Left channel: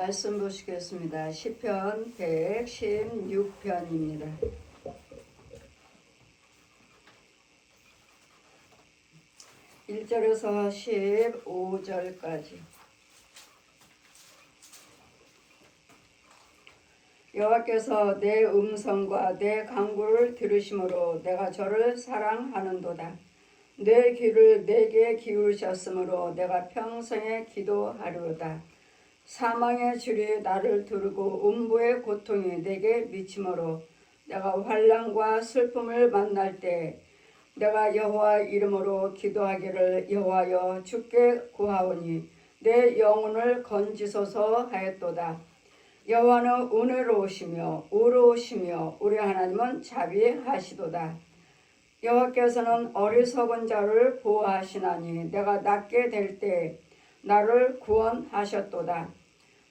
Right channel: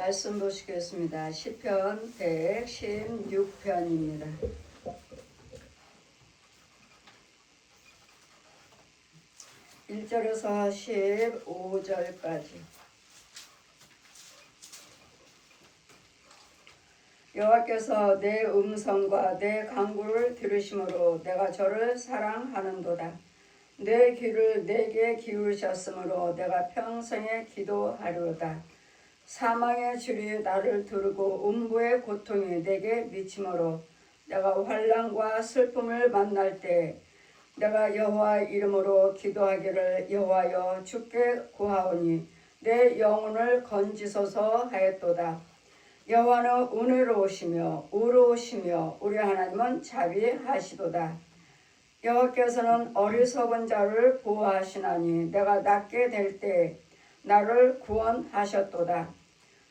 말씀 보시겠습니다. 시편 116편입니다. 1절에서 15절까지. 여호와께서 내 음성과 내 간구를 들으심으로 내가 저를 사랑하는도다. 내 귀를 내게 기울이셨으므로 내가 평생에 기도하리로다. 사망의 줄이 나를 두르고 음부의 고통이 내게 미치므로 내가 환난과 슬픔을 만날 때 내가 여호와 이름으로 기도하기를 여호와여 주께 구하오니 내 영혼을 건지소서 하였도다. 여호와는 은혜로우시며 의로우시며 우리 하나님은 자비하시도다. 여호와께서는 어리석은 자를 보호하시나니 내가 낫게 될 때 나를 구원하셨도다.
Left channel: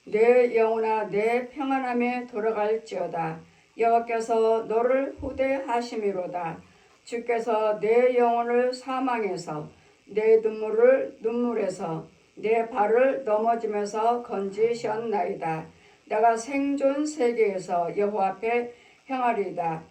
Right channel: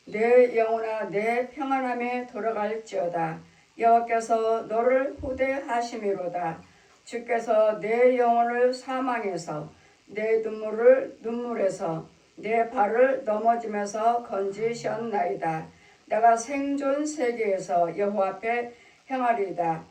내 영혼아 내 평안함에 돌아갈지어다. 여호와께서 너를 후대하심이로다. 주께서 내 영혼을 사망에서 내 눈물을 눈물에서 내 발을 넘어지면서 건지셨나이다. 내가 생존 세계에서 여호와 앞에 행하리이다.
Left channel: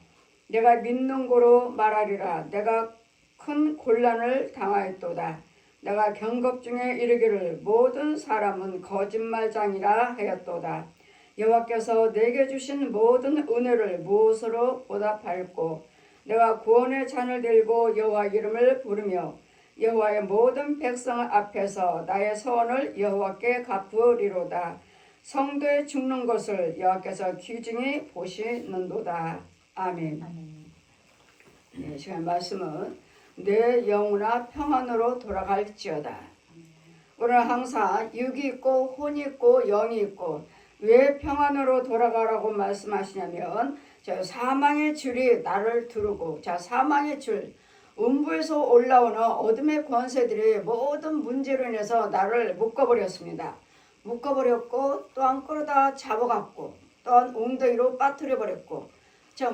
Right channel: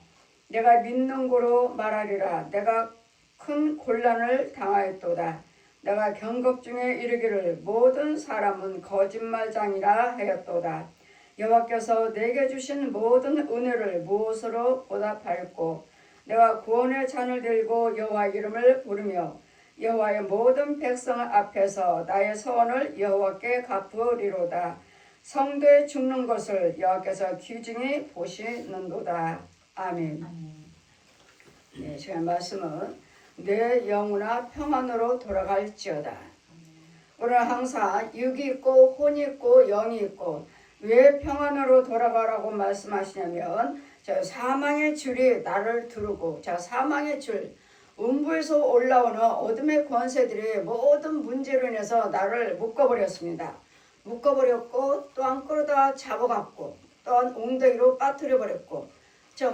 내가 믿는 고로 말하리라. 내가 큰 곤란을 당하였도다. 내가 경급 중에 이르기를 모든 사람은 거짓말장이라 하였도다. 여호와께서 내게 주신 모든 은혜를 무엇으로 보답할꼬. 내가 구원의 잔을 들고 여호와 이름을 부르며 여호와의 모든 백성 앞에서 나의 소원을 여호와께 갚으리로다. 성도의 죽는 것을 여호와께서 귀중히 보시는도다. 아멘. 네, 지금 말씀은 내 영혼아 평안으로 돌아갈지어다. 우리는 항상 육이 있고 혼이 있고 영이 있고 왜 평안으로 돌아가라고 말씀하시냐면 사망의 줄이 나를 두르고 사망의 줄 음부에서 올라오는 어둠의 권세들이 모든 문제로 인해서 나를 묶어버렸습니다. 묶어버렸고 또한 끌어다 잡아갔고 또한 웅덩이로 빠뜨려버렸고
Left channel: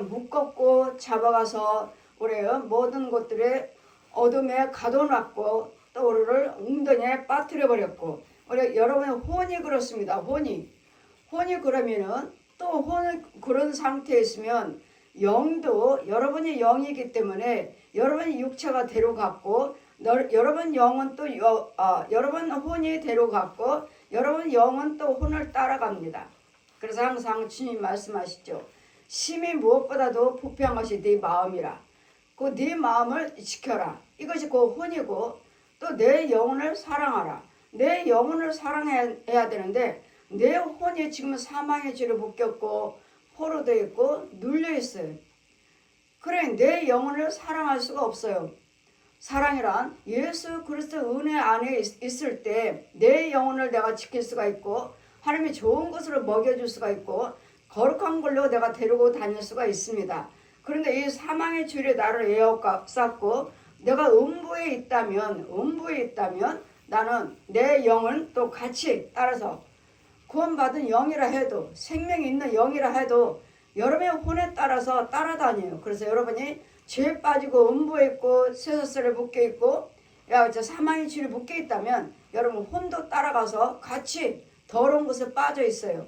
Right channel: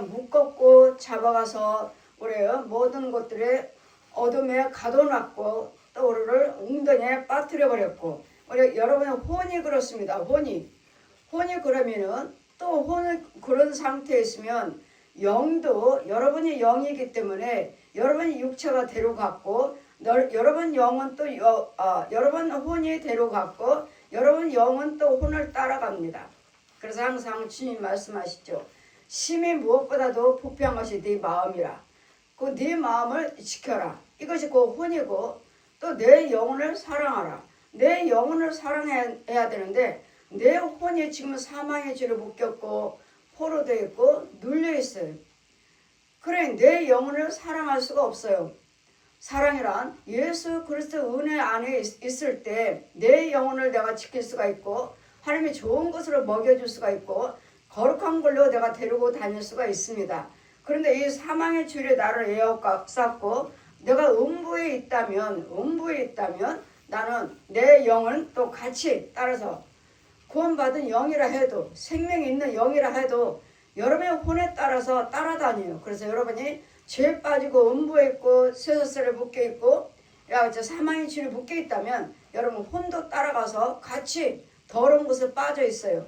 묶었고 잡아가서 우리의 모든 것들에 어둠에 가둬놨고 또 우리를 웅덩이에 빠뜨려버렸고 우리 여러분의 혼이 그렇습니다. 혼이 그러면은 또 혼을 그런 상태에 있으면 영도 여러분의 영이기 때문에 여러분의 육체가 데려갔고 여러분 영은 또 여러분 혼이 데려갔고 여러분 영은 또 혼을 따라갑니다. 그래서 항상 주님 말씀하시죠. 심히 무엇보다도 부패한 것이 네 마음이라. 그 네 마음을 지켜라. 이것이 그 혼이고 또 내 영혼을 사랑하라. 내 영혼을 사랑해야 되는데 내 혼이 지금 사망의 줄에 묶였고 포로되어 있고 눌려있어요. 그래 내 영혼을 사랑할 수가 없어요. 사랑이란 예수 그리스도 은혜 안에 있을 때 내 영혼을 내가 지킬 수가 있고 하나님이 좋은 것으로 먹여줄 수가 있고 거룩한 걸로 내가 데리고 다닐 수가 있습니다. 그런데 이 사망의 줄이 나를 에워쌌고 내가 음부에 있다면 나는 내 영을 또 같이 따라서 구원받은 영이라 해도 생명이 있는 영이라 해도 여러분의 혼에 따라서 따라다녀요. 그래서 여러분이 죄에 빠지고 음부에 있고 쇠사슬에 묶여있고 사망의 줄에 묶여있다면 여러분 혼도 따라가서 같이 더러운 곳에 빠져있어요.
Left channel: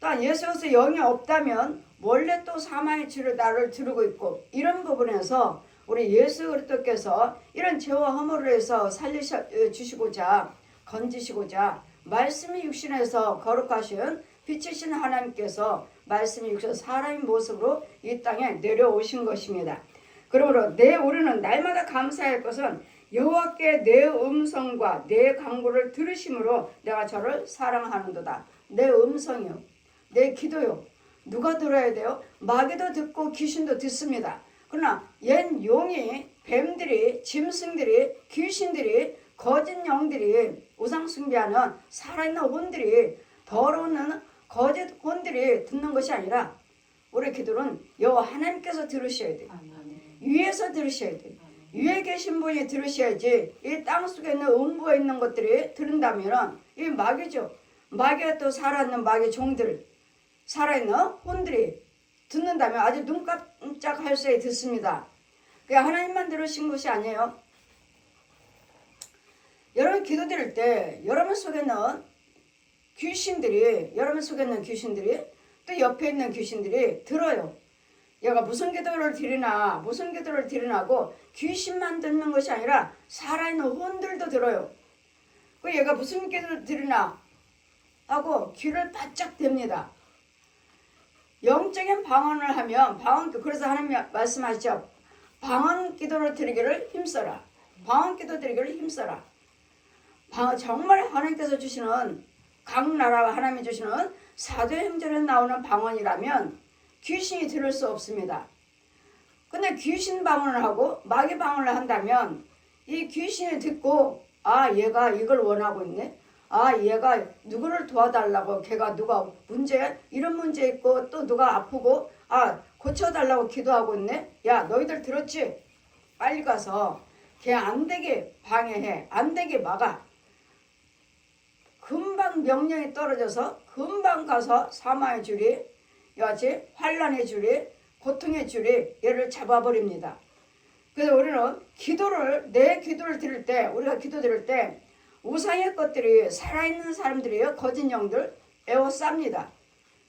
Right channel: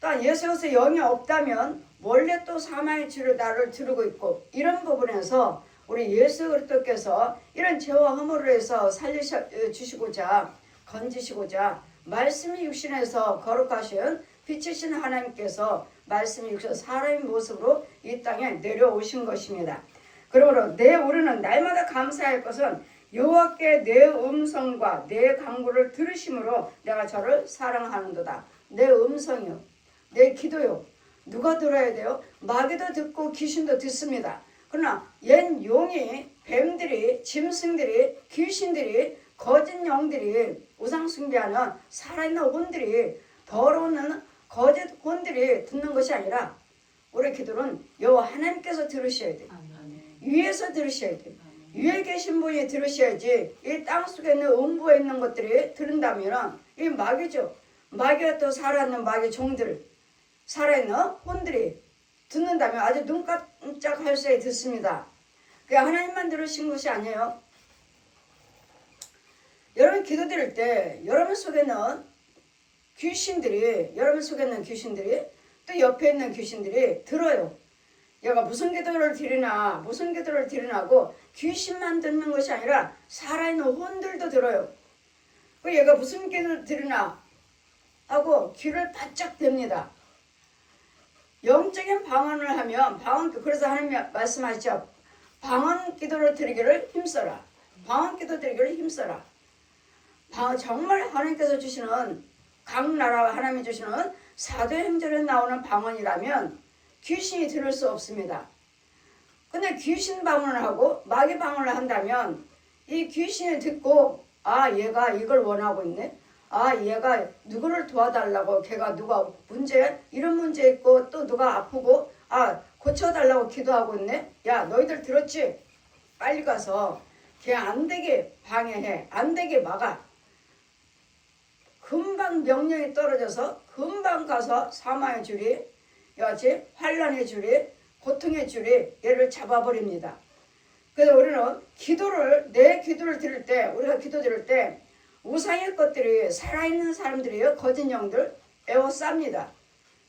또한 예수께서 영이 없다면 원래 또 사망의 줄을 나를 두르고 있고 이런 부분에서 우리 예수 그리스도께서 이런 죄와 허물을 해서 살려주시고자 건지시고자 말씀이 육신에서 거룩하신 빛이신 하나님께서 말씀이 육신 사람의 모습으로 이 땅에 내려오신 것입니다. 그러므로 우리는 날마다 감사할 것은 여호와께 내 음성과 내 간구를 들으심으로 내가 저를 사랑하는도다. 내 음성이요. 내 기도요. 누가 들어야 돼요? 마귀도 듣고 귀신도 듣습니다. 그러나 옛 용이 뱀들이 짐승들이 귀신들이 거짓 영들이 우상숭배하는 살아있는 혼들이 더러운 거짓 혼들이 듣는 것이 아니라 우리 기도는 여호와 하나님께서 들으셔야 돼요. 위에서 들으셔야 돼요. 위에 계신 분이 들으셔야지 이 땅속에 있는 음부에 있는 것들이 들은다면 이 마귀죠. 마귀가 또 살아있는 마귀 종들 살아있는 혼들이 듣는다면 아주 눈 깜짝할 새에 듣습니다. 그게 하나님만 들으신 것이 아니에요. 여러분 기도 드릴 때 여러분 속에는 귀신들이, 여러분 속에 있는 귀신들이 또 옆에 있는 귀신들이 들어요. 얘가 무슨 기도를 드리나 무슨 기도를 드리나고 귀신만 듣는 것이 아니라 살아있는 혼들도 들어요. 그 얘가 무슨 기도를 드리나 하고 귀를 바짝 댑니다. 영적인 방언을 하면 그래서 하나님 말씀하시죠. 방언 기도를 드리기를 힘써라. 방언 기도 드리기를 힘써라. 정말 하나님께서 주시는 각 나라와 하나님이 주시는 사도행전에 나오는 방언이라면 귀신이 들을 수 없습니다. 근데 귀신 방언을 하고 마귀 방언을 한다면 이 귀신이 듣고 얘가 이걸 원하고 있네. 얘가 누구를 도와달라고, 걔가 누가 이런 문제 있고 또 누가 아프고 고쳐달라고 기도하고 있네. 야, 너희들 들었지? 빨리 가서 걔 안 되게 방해해. 안 되게 막아. 금방 명령이 떨어져서 금방 가서 사망의 줄이, 여하튼 환란의 줄이, 고통의 줄이 얘를 잡아버립니다. 그래서 우리는 내 기도를 드릴 때, 우리가 기도 드릴 때 우상의 것들이 살아있는 사람들이에요. 거짓 영들 에워쌉니다.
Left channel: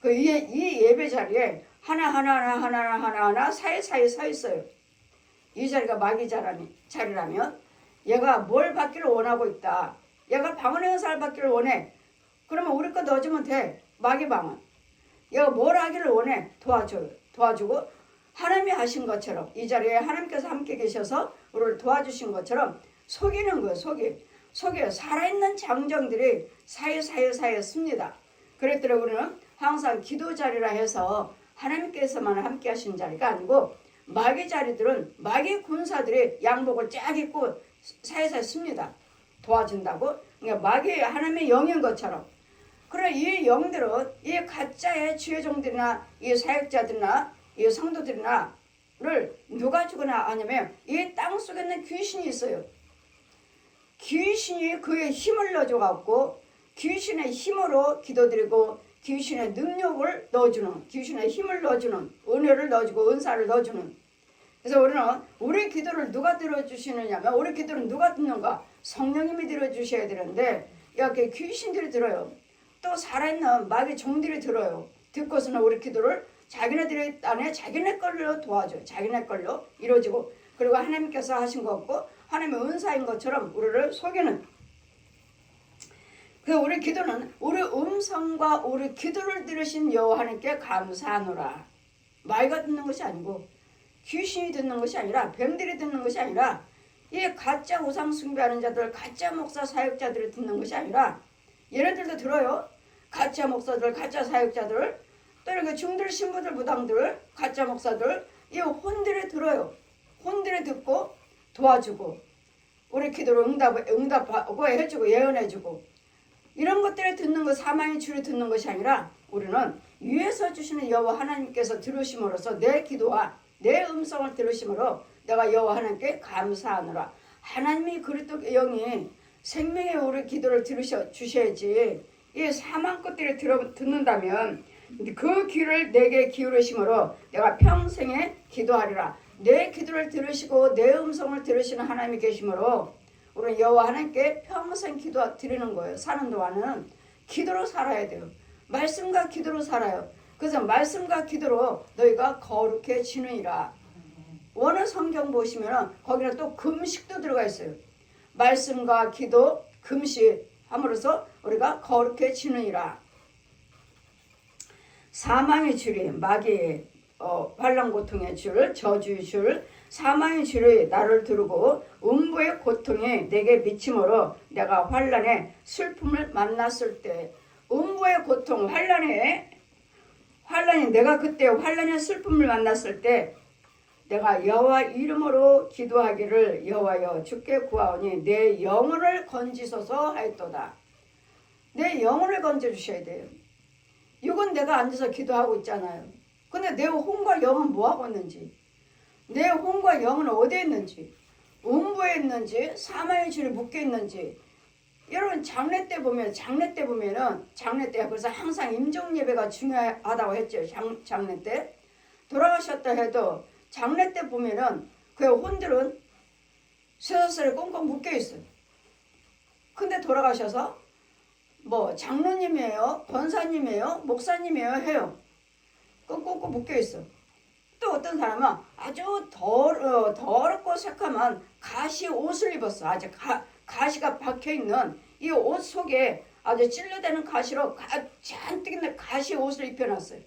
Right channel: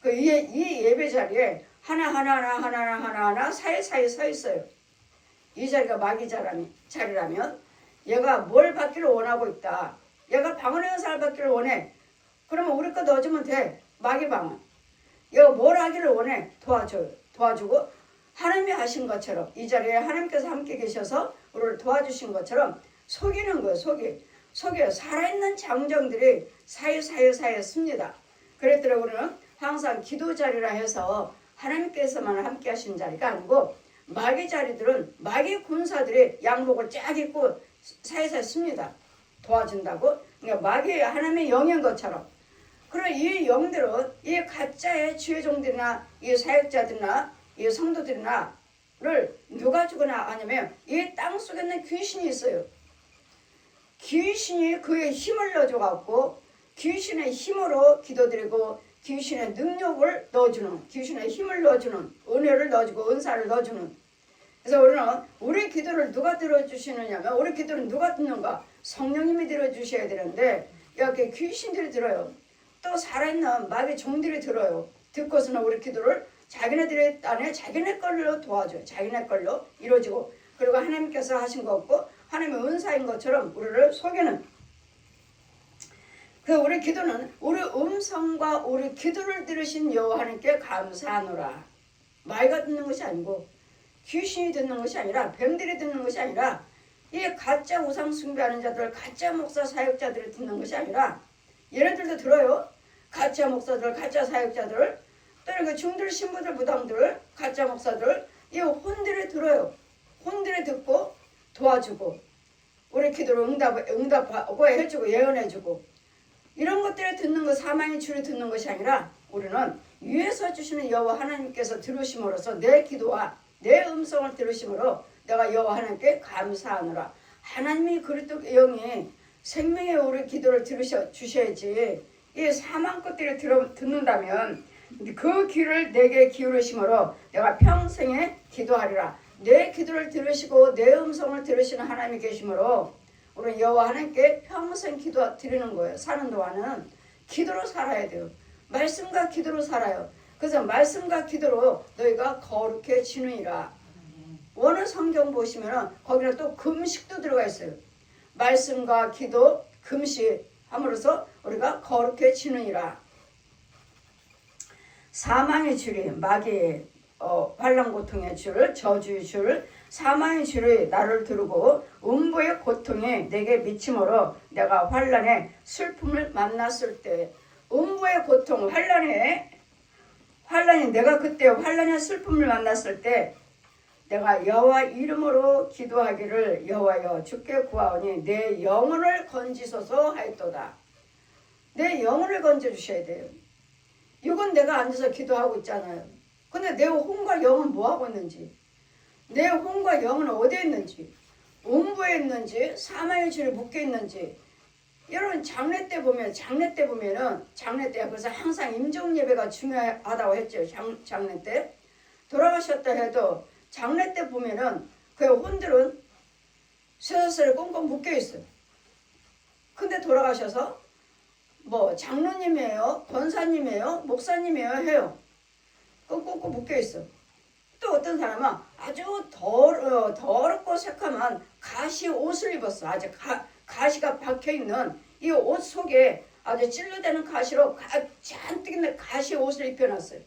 이 예배 자리에 하나하나 사이사이 서 있어요. 이 자리가 마귀 자리라면 얘가 뭘 받기를 원하고 있다. 얘가 방언의 은사를 받기를 원해. 그러면 우리 거 넣어주면 돼. 마귀 방언. 얘가 뭘 하기를 원해. 도와주고 하나님이 하신 것처럼 이 자리에 하나님께서 함께 계셔서 우리를 도와주신 것처럼 속이는 거예요. 속여요. 살아있는 장정들이 사이사이에 씁니다. 그랬더니 우리는 항상 기도 자리라 해서 하나님께서만 함께 하신 자리가 아니고 마귀 자리들은 마귀 군사들이 양복을 쫙 입고 사이사이 씁니다. 도와준다고. 그러니까 마귀 하나님의 영인 것처럼. 그럼 이 영들은 이 가짜의 지혜종들이나 이 사역자들이나 이 성도들이나를 누가 주거나 하냐면 이 땅속에 있는 귀신이 있어요. 귀신이 그의 힘을 넣어줘갖고 귀신의 힘으로 기도드리고 귀신의 능력을 넣어주는, 귀신의 힘을 넣어주는, 은혜를 넣어주고 은사를 넣어주는. 그래서 우리 기도를 누가 들어주시느냐면 우리 기도를 누가 듣는가? 성령님이 들어주셔야 되는데 여기 귀신들이 들어요. 또 살아있는 마귀 종들이 들어요. 듣고서는 우리 기도를 자기네들의 안에 자기네 걸로 도와줘요. 자기네 걸로 이루어지고, 그리고 하나님께서 하신 거 없고 하나님의 은사인 것처럼 우리를 속이는. 그 우리 기도는 우리 음성과 우리 기도를 들으신 여호와 하나님께 감사하노라. 마귀가 듣는 것이 아니고 귀신이 듣는 것이 아니라 병들이 듣는 것이 아니라 이 가짜 우상 숭배하는 자들, 가짜 목사 사역자들이 듣는 것이 아니라 얘네들도 들어요. 가짜 목사들, 가짜 사역자들, 또 이렇게 중들 신부들 무당들, 가짜 목사들, 이 혼들이 들어요. 혼들이 듣고 도와주고 우리 기도를 응답하고 해주고 예언해주고, 이런 것들을 듣는 것, 사망의 줄을 듣는 것이 아니라 우리는 위에서 주시는 여호와 하나님께서 들으심으로써 내 기도와 내 음성을 들으심으로 내가 여호와 하나님께 감사하노라. 하나님이 그리스도 영이 생명의 우리 기도를 주셔야지. 이 사망 것들을 듣는다면 그 귀를 내게 기울이심으로 내가 평생에 기도하리라. 내 기도를 들으시고 내 음성을 들으시는 하나님이 계심으로 우리 여호와 하나님께 평생 기도 드리는 거예요. 사는 동안은 기도로 살아야 돼요. 말씀과 기도로 살아요. 그래서 말씀과 기도로 너희가 거룩해지느니라. 원어 성경 보시면 거기는 또 금식도 들어가 있어요. 말씀과 기도, 금식 함으로써 우리가 거룩해지느니라. 사망의 줄이 마귀의 환난 고통의 줄, 저주의 줄, 사망의 줄이 나를 두르고 음부의 고통이 내게 미침으로 내가 환난의 슬픔을 만났을 때, 음부의 고통, 환난이 내가 그때 환난의 슬픔을 만났을 때 내가 여호와 이름으로 기도하기를 여호와여 주께 구하오니 내 영혼을 건지소서 하였도다. 내 영혼을 건져주셔야 돼요. 이건 내가 앉아서 기도하고 있잖아요. 근데 내 혼과 영은 뭐하고 있는지, 내 혼과 영은 어디에 있는지, 음부에 있는지 사망의 줄에 묶여 있는지. 여러분 장례 때 보면은 장례 때 그래서 항상 임종 예배가 중요하다고 했죠. 장례 때 돌아가셨다 해도 장례 때 보면은 그 혼들은 쇠사슬에 꽁꽁 묶여 있어요. 근데 돌아가셔서 뭐 장로님이에요, 권사님이에요, 목사님이에요 해요. 꾹꾹꾹 묶여 있어. 또 어떤 사람은 아주 더럽고 새카만 가시 옷을 입었어. 아주 가시가 박혀 있는 이 옷 속에 아주 찔러대는 가시로 잔뜩 있는 가시 옷을 입혀놨어요.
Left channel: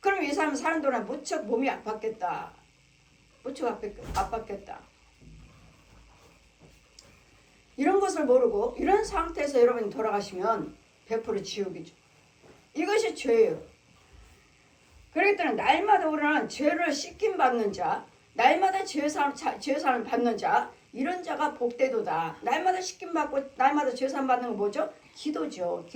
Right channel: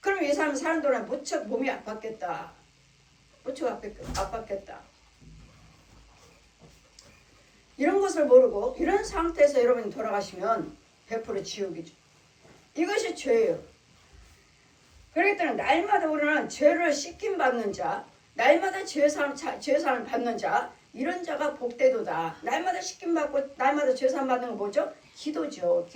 그럼 이 사람 사는 동안 무척 몸이 아팠겠다. 무척 아팠겠다. 이런 것을 모르고 이런 상태에서 여러분이 돌아가시면 100% 지옥이죠. 이것이 죄예요. 그렇기 때문에 날마다 우리는 죄를 씻김받는 자, 날마다 죄사함을 받는 자, 이런 자가 복되도다. 날마다 씻김받고 날마다 죄사함 받는 건 뭐죠? 기도죠.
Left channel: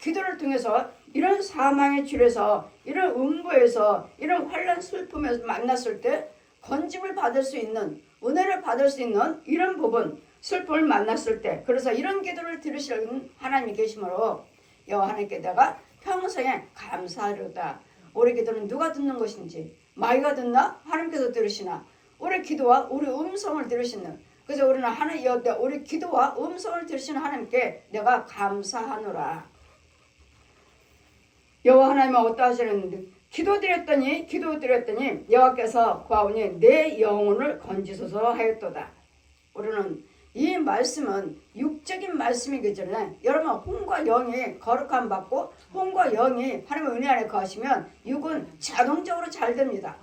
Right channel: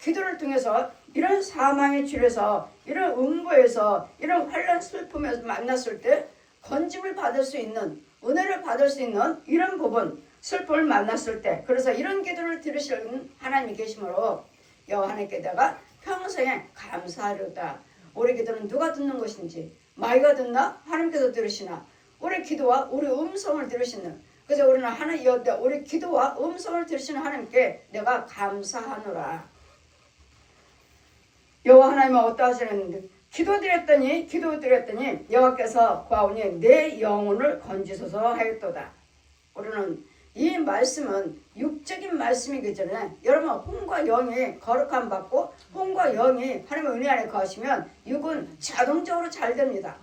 기도를 통해서 이런 사망의 줄에서 이런 음부에서 이런 환난 슬픔에서 만났을 때 건짐을 받을 수 있는, 은혜를 받을 수 있는 이런 부분, 슬픔을 만났을 때, 그래서 이런 기도를 들으시는 하나님이 계시므로 여호와 하나님께다가 평생에 감사하려다. 우리 기도는 누가 듣는 것인지, 마귀가 듣나? 하나님께서 들으시나? 우리 기도와 우리 음성을 들으시는, 그래서 우리는 우리 기도와 음성을 들으시는 하나님께 내가 감사하노라. 여호와 하나님은 어떠하시는데 기도드렸더니 여호와께서 보아오니 내 영혼을 건지소서 하였도다. 우리는 이 말씀은 육적인 말씀이기 전에 여러분 혼과 영이 거룩함 받고 혼과 영이 하나님의 은혜 안에 거하시면 육은 자동적으로 잘 됩니다.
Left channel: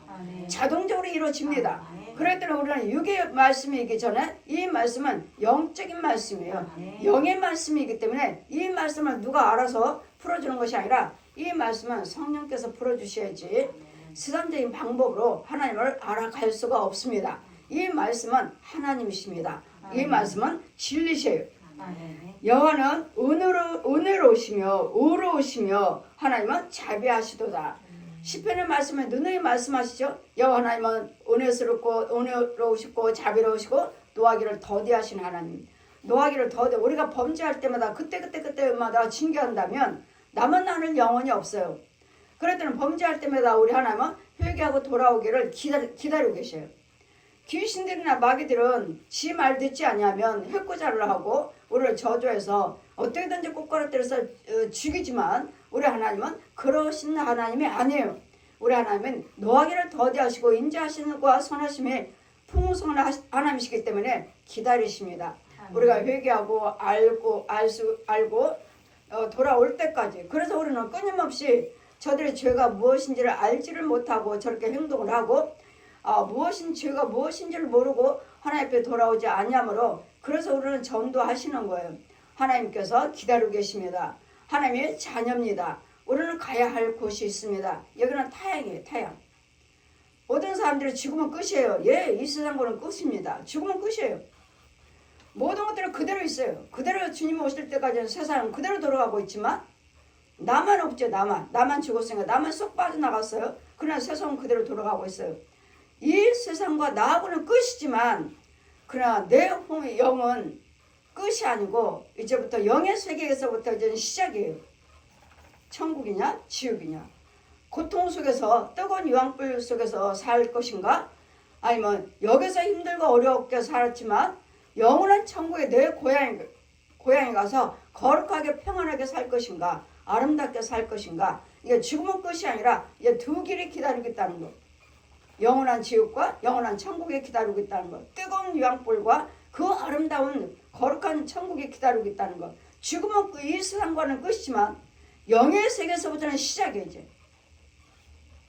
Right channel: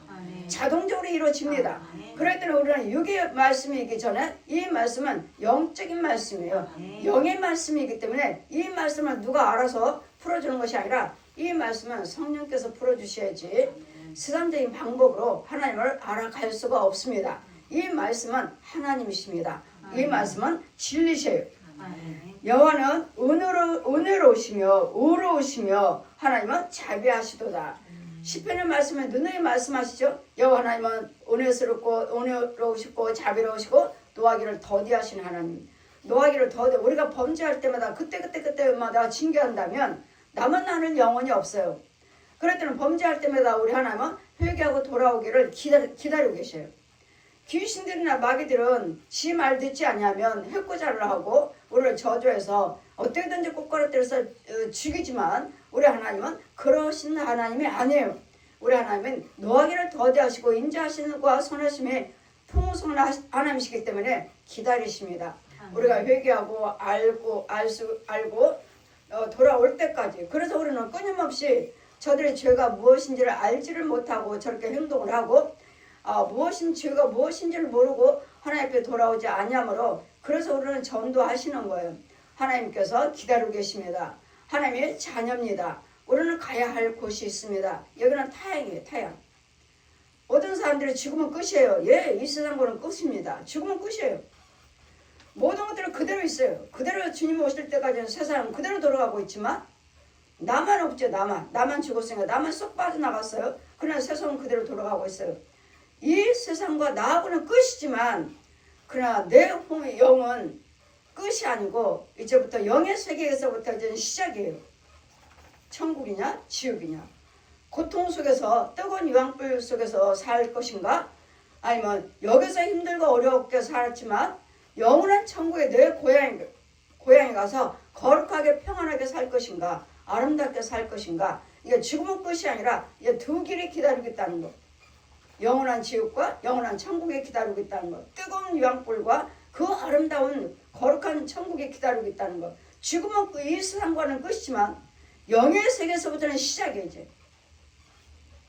자동적으로 이루어집니다. 그렇기 때문에 우리는 육의 말씀이기 전에 이 말씀은 영적인 말씀이에요. 영의 말씀이기 때문에 이 말씀을 누가 알아서 풀어주는 것이 아니라 이 말씀은 성령께서 풀어주셔야지 세상적인 방법으로 하나님을 알아갈 수가 없습니다. 이 말씀은 하나님이십니다. 이 말씀은 진리세요. 여호와는 은혜로우시며 의로우시며 하나님은 자비하시도다. 시편의 말씀에 누누이 말씀하시죠. 여호와 하나님은 은혜로우시고 자비로우시고 노하기를 더디하시는 하나님. 노하기를 더디, 우리가 범죄할 때마다 그때마다 징계한다면 남은 나는 영원히 없어요. 그럴 때는 범죄할 때마다 우리 하나님은 회개하고 돌아오기를 기다리고 계셔요. 귀신들이나 마귀들은 지 말 듣지 아니하면 해코자를 하고 우리를 저주해서 어떻게든지 꼬꾸라뜨려서 죽이지만 우리 하나님은 그러신 하나님이 아니에요. 우리 하나님은 노하기를 더디하시고 인자하시는 과 선하심에 풍성한 하나님이시기 때문에 기다리십니다. 우리가 회개하고 알고 돌아올 때까지. 그래서 우리는 끊임없이 저들의 죄가 무엇인지를 알지를 못하고 저렇게 행동을 하고 죄가 무엇인지를 모르고 하나님께 돌아오지 아니하므로 그래서 우리는 전도하시는 거예요. 하나님께서 기다리고 계십니다. 하나님의 자녀입니다. 우리는 가야 할 곳이 있습니다. 여기는 타향이에요. 타향. 모든 사람들이 죽으면 끝이에요. 예, 이 세상 거는 끝입니다. 죽으면 끝이에요. 모든 것들은 그대로 있어요. 그대로 주님 오실 때까지는 세상은 그대로 돌아가고 있지만 나만 없죠. 나만 죽었으니까 나만 쏙 빠져나갔어요. 그러나 세상은 그대로 돌아가고 있어요. 이 세상과 나하고는 끝이지만 그러나 내 영은 끝이 아니고 이제부터 영의 세계에서부터 이제는 시작이에요. 천국이냐 지옥이냐, 고통 속에서 뜨거운 유황불 속에서 살 것인가, 아니면 여기서 힘들고 어렵게 살았지만 영원한 천국에 내 고향에 가서 거룩하게 평안하게 살 것인가, 아름답게 살 것인가. 이게 죽음은 끝이 아니라 이게 두 길이 기다리고 있다는 거. 영원한 지옥과 영원한 천국에 기다리고 있다는 거. 뜨거운 유황불과 그 아름다운 거룩한 천국에 기다리고 있다는 거. 죽음은 이 세상과는 끝이지만 영의 세계에서부터는 시작이에요. 이제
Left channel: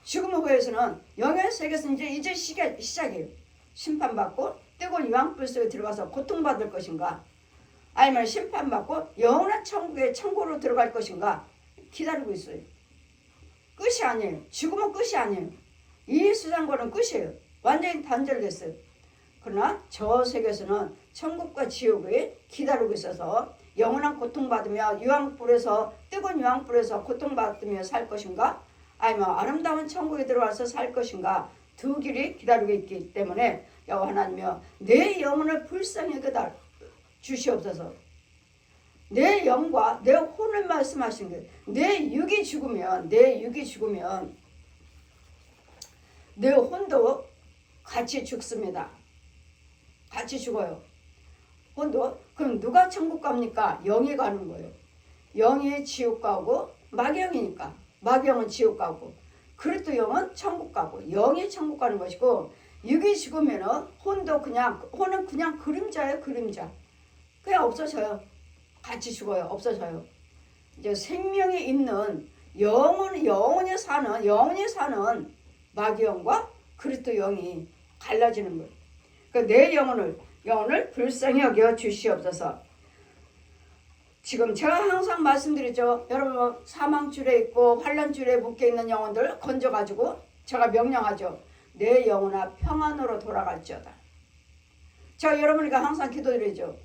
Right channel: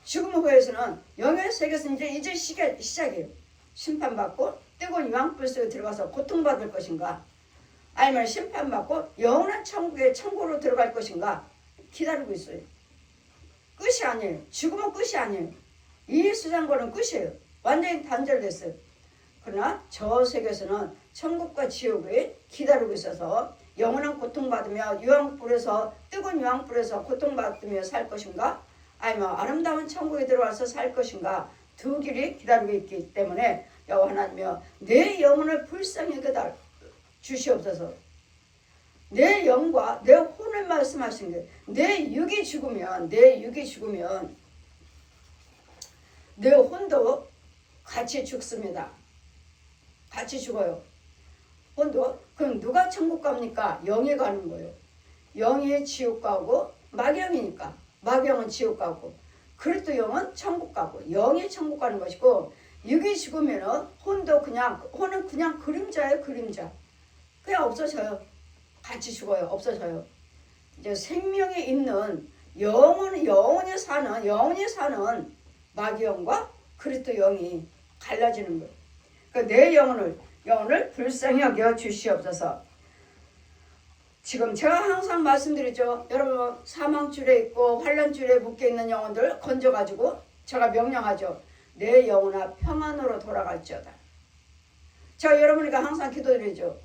죽음 후에서는 영의 세계에서는 이제 시작이에요. 심판받고 뜨거운 유황불 속에 들어가서 고통받을 것인가, 아니면 심판받고 영원한 천국으로 들어갈 것인가 기다리고 있어요. 끝이 아니에요. 죽음은 끝이 아니에요. 이 세상과는 끝이에요. 완전히 단절됐어요. 그러나 저 세계에서는 천국과 지옥이 기다리고 있어서 영원한 고통받으며 뜨거운 유황불에서 고통받으며 살 것인가, 아니면 아름다운 천국에 들어와서 살 것인가, 두 길이 기다리고 있기 때문에 여호와 하나님이여 내 영혼을 불쌍히 주시옵소서. 내 영과 내 혼을 말씀하신 게 내 육이 죽으면 내 혼도 같이 죽습니다. 같이 죽어요. 혼도. 그럼 누가 천국 갑니까? 영이 가는 거예요. 영이 지옥 가고 마귀영이니까 마귀영은 지옥 가고 그리스도 영은 천국 가고 영이 천국 가는 것이고 육이 죽으면은 혼은 그냥 그림자예요. 그림자. 그냥 없어져요. 같이 죽어요. 없어져요. 이제 생명이 있는 영원히 사는 마귀영과 그리스도 영이 갈라지는 거예요. 그러니까 내 영혼을 불쌍히 여겨 주시옵소서. 지금 제가 항상 말씀드리죠. 여러분 사망줄에 있고 환란줄에 묶여있는 영혼들 건져가지고 제가 명령하죠. 내 영혼아 평안으로 돌아갈지어다. 제가 여러분에게 항상 기도드리죠.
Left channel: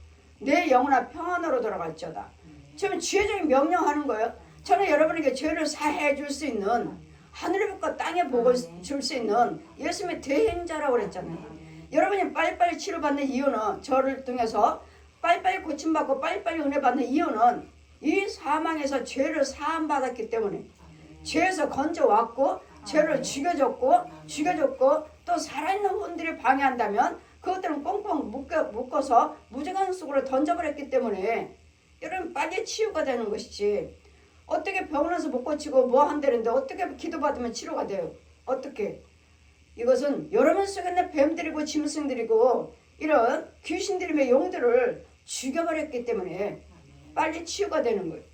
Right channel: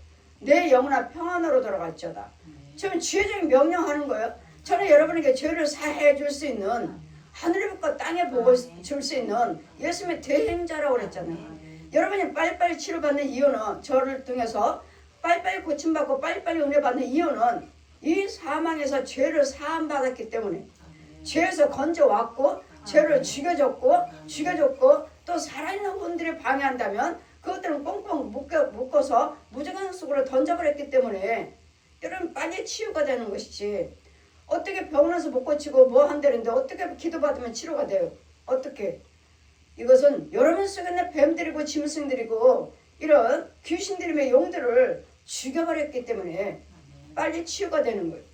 내 영혼아 평안으로 돌아갈지어다. 지금 지혜적인 명령하는 거예요. 저는 여러분에게 죄를 사해 줄 수 있는 하늘의 빛과 땅의 복을 줄 수 있는 예수님의 대행자라고 그랬잖아요. 여러분이 빨리빨리 치료받는 이유는 저를 통해서 빨리빨리 고침받고 빨리빨리 은혜 받는 이유는 이 사망에서 죄를 사함받았기 때문에 죄에서 건져왔고 죄를 죽여줬고 또 살아있는 혼들이 방해한다면 그것들은 꽁꽁 묶어서 무저간 속으로 던져버렸기 때문에 여러분 빨리 치유가 되는 것이지 어떻게 병원에서 못 고치고 뭐 한다는데 어떻게 기도받으면 치료가 돼요? 어떻게? 이것은 여러분 속에 있는 뱀들이고 짐승들이고 이런 귀신들임의 용들을 죽여버렸기 때문에 빨리 치유가 되는 거예요.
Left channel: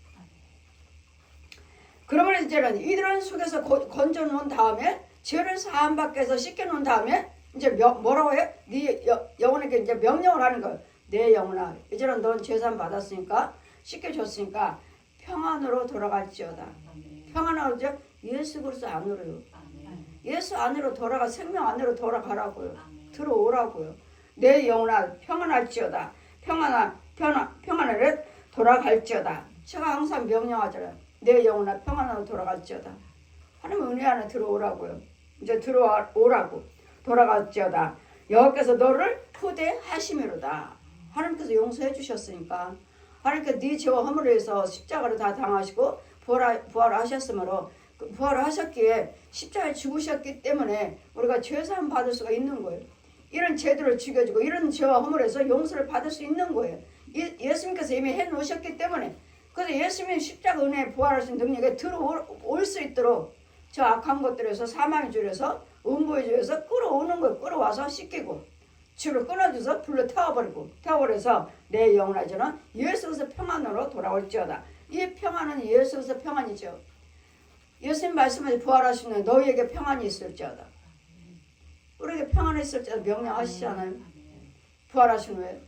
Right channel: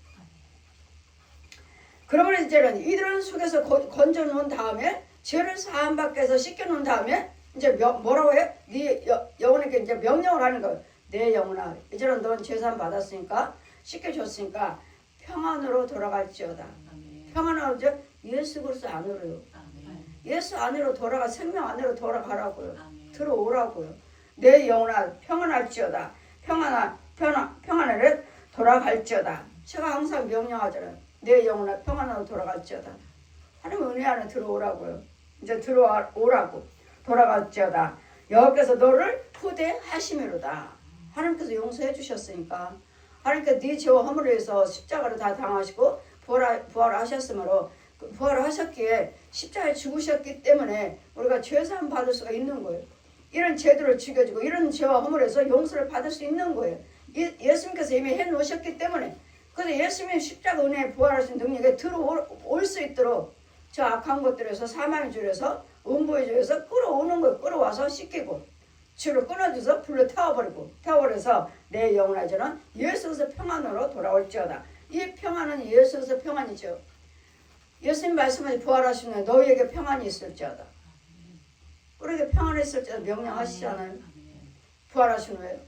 그러면 이제는 이들은 속에서 건져놓은 다음에 죄를 사함받게 해서 씻겨놓은 다음에 이제 뭐라고 해? 네 영혼에게 이제 명령을 하는 거예요. 내 영혼아 이제는 넌 죄사함 받았으니까 씻겨줬으니까 평안으로 돌아갈지어다. 평안으로 예수 그리스도 안으로요. 예수 안으로 돌아가 생명 안으로 돌아가라고요. 들어오라고요. 내 영혼아 평안할지어다. 평안하게 돌아갈지어다. 제가 항상 명령하잖아요. 내 영혼아 평안으로 돌아갈지어다. 하나님 은혜 안에 들어오라고요. 이제 들어오라고 돌아갈지어다. 여호와께서 너를 후대하심이로다. 하나님께서 용서해 주셨으니까 하나님께서 네 죄와 허물을 위해서 십자가를 다 당하시고 부활하셨으므로 부활을 하셨기에 십자가에 죽으셨기 때문에 우리가 죄사함 받을 수가 있는 거예요. 이런 죄들을 죽여주고 이런 죄와 허물에서 용서를 받을 수 있는 거예요. 예수님께서 이미 해놓으셨기 때문에 그래서 예수님이 십자가 은혜에 부활하신 능력에 들어올 수 있도록 저 악한 것들에서 사망의 줄에서 음부의 줄에서 끌어오는 거예요. 끌어와서 씻기고 줄을 끊어줘서 불로 태워버려서 내 영혼아 저는 예수에서 평안으로 돌아올지어다. 이 평안은 예수에서 평안이죠. 예수님 말씀을 부활하시는 너희에게 평안이 있을지어다. 우리에게 평안이 있을지어다 명령하시잖아요. 부활하신 후에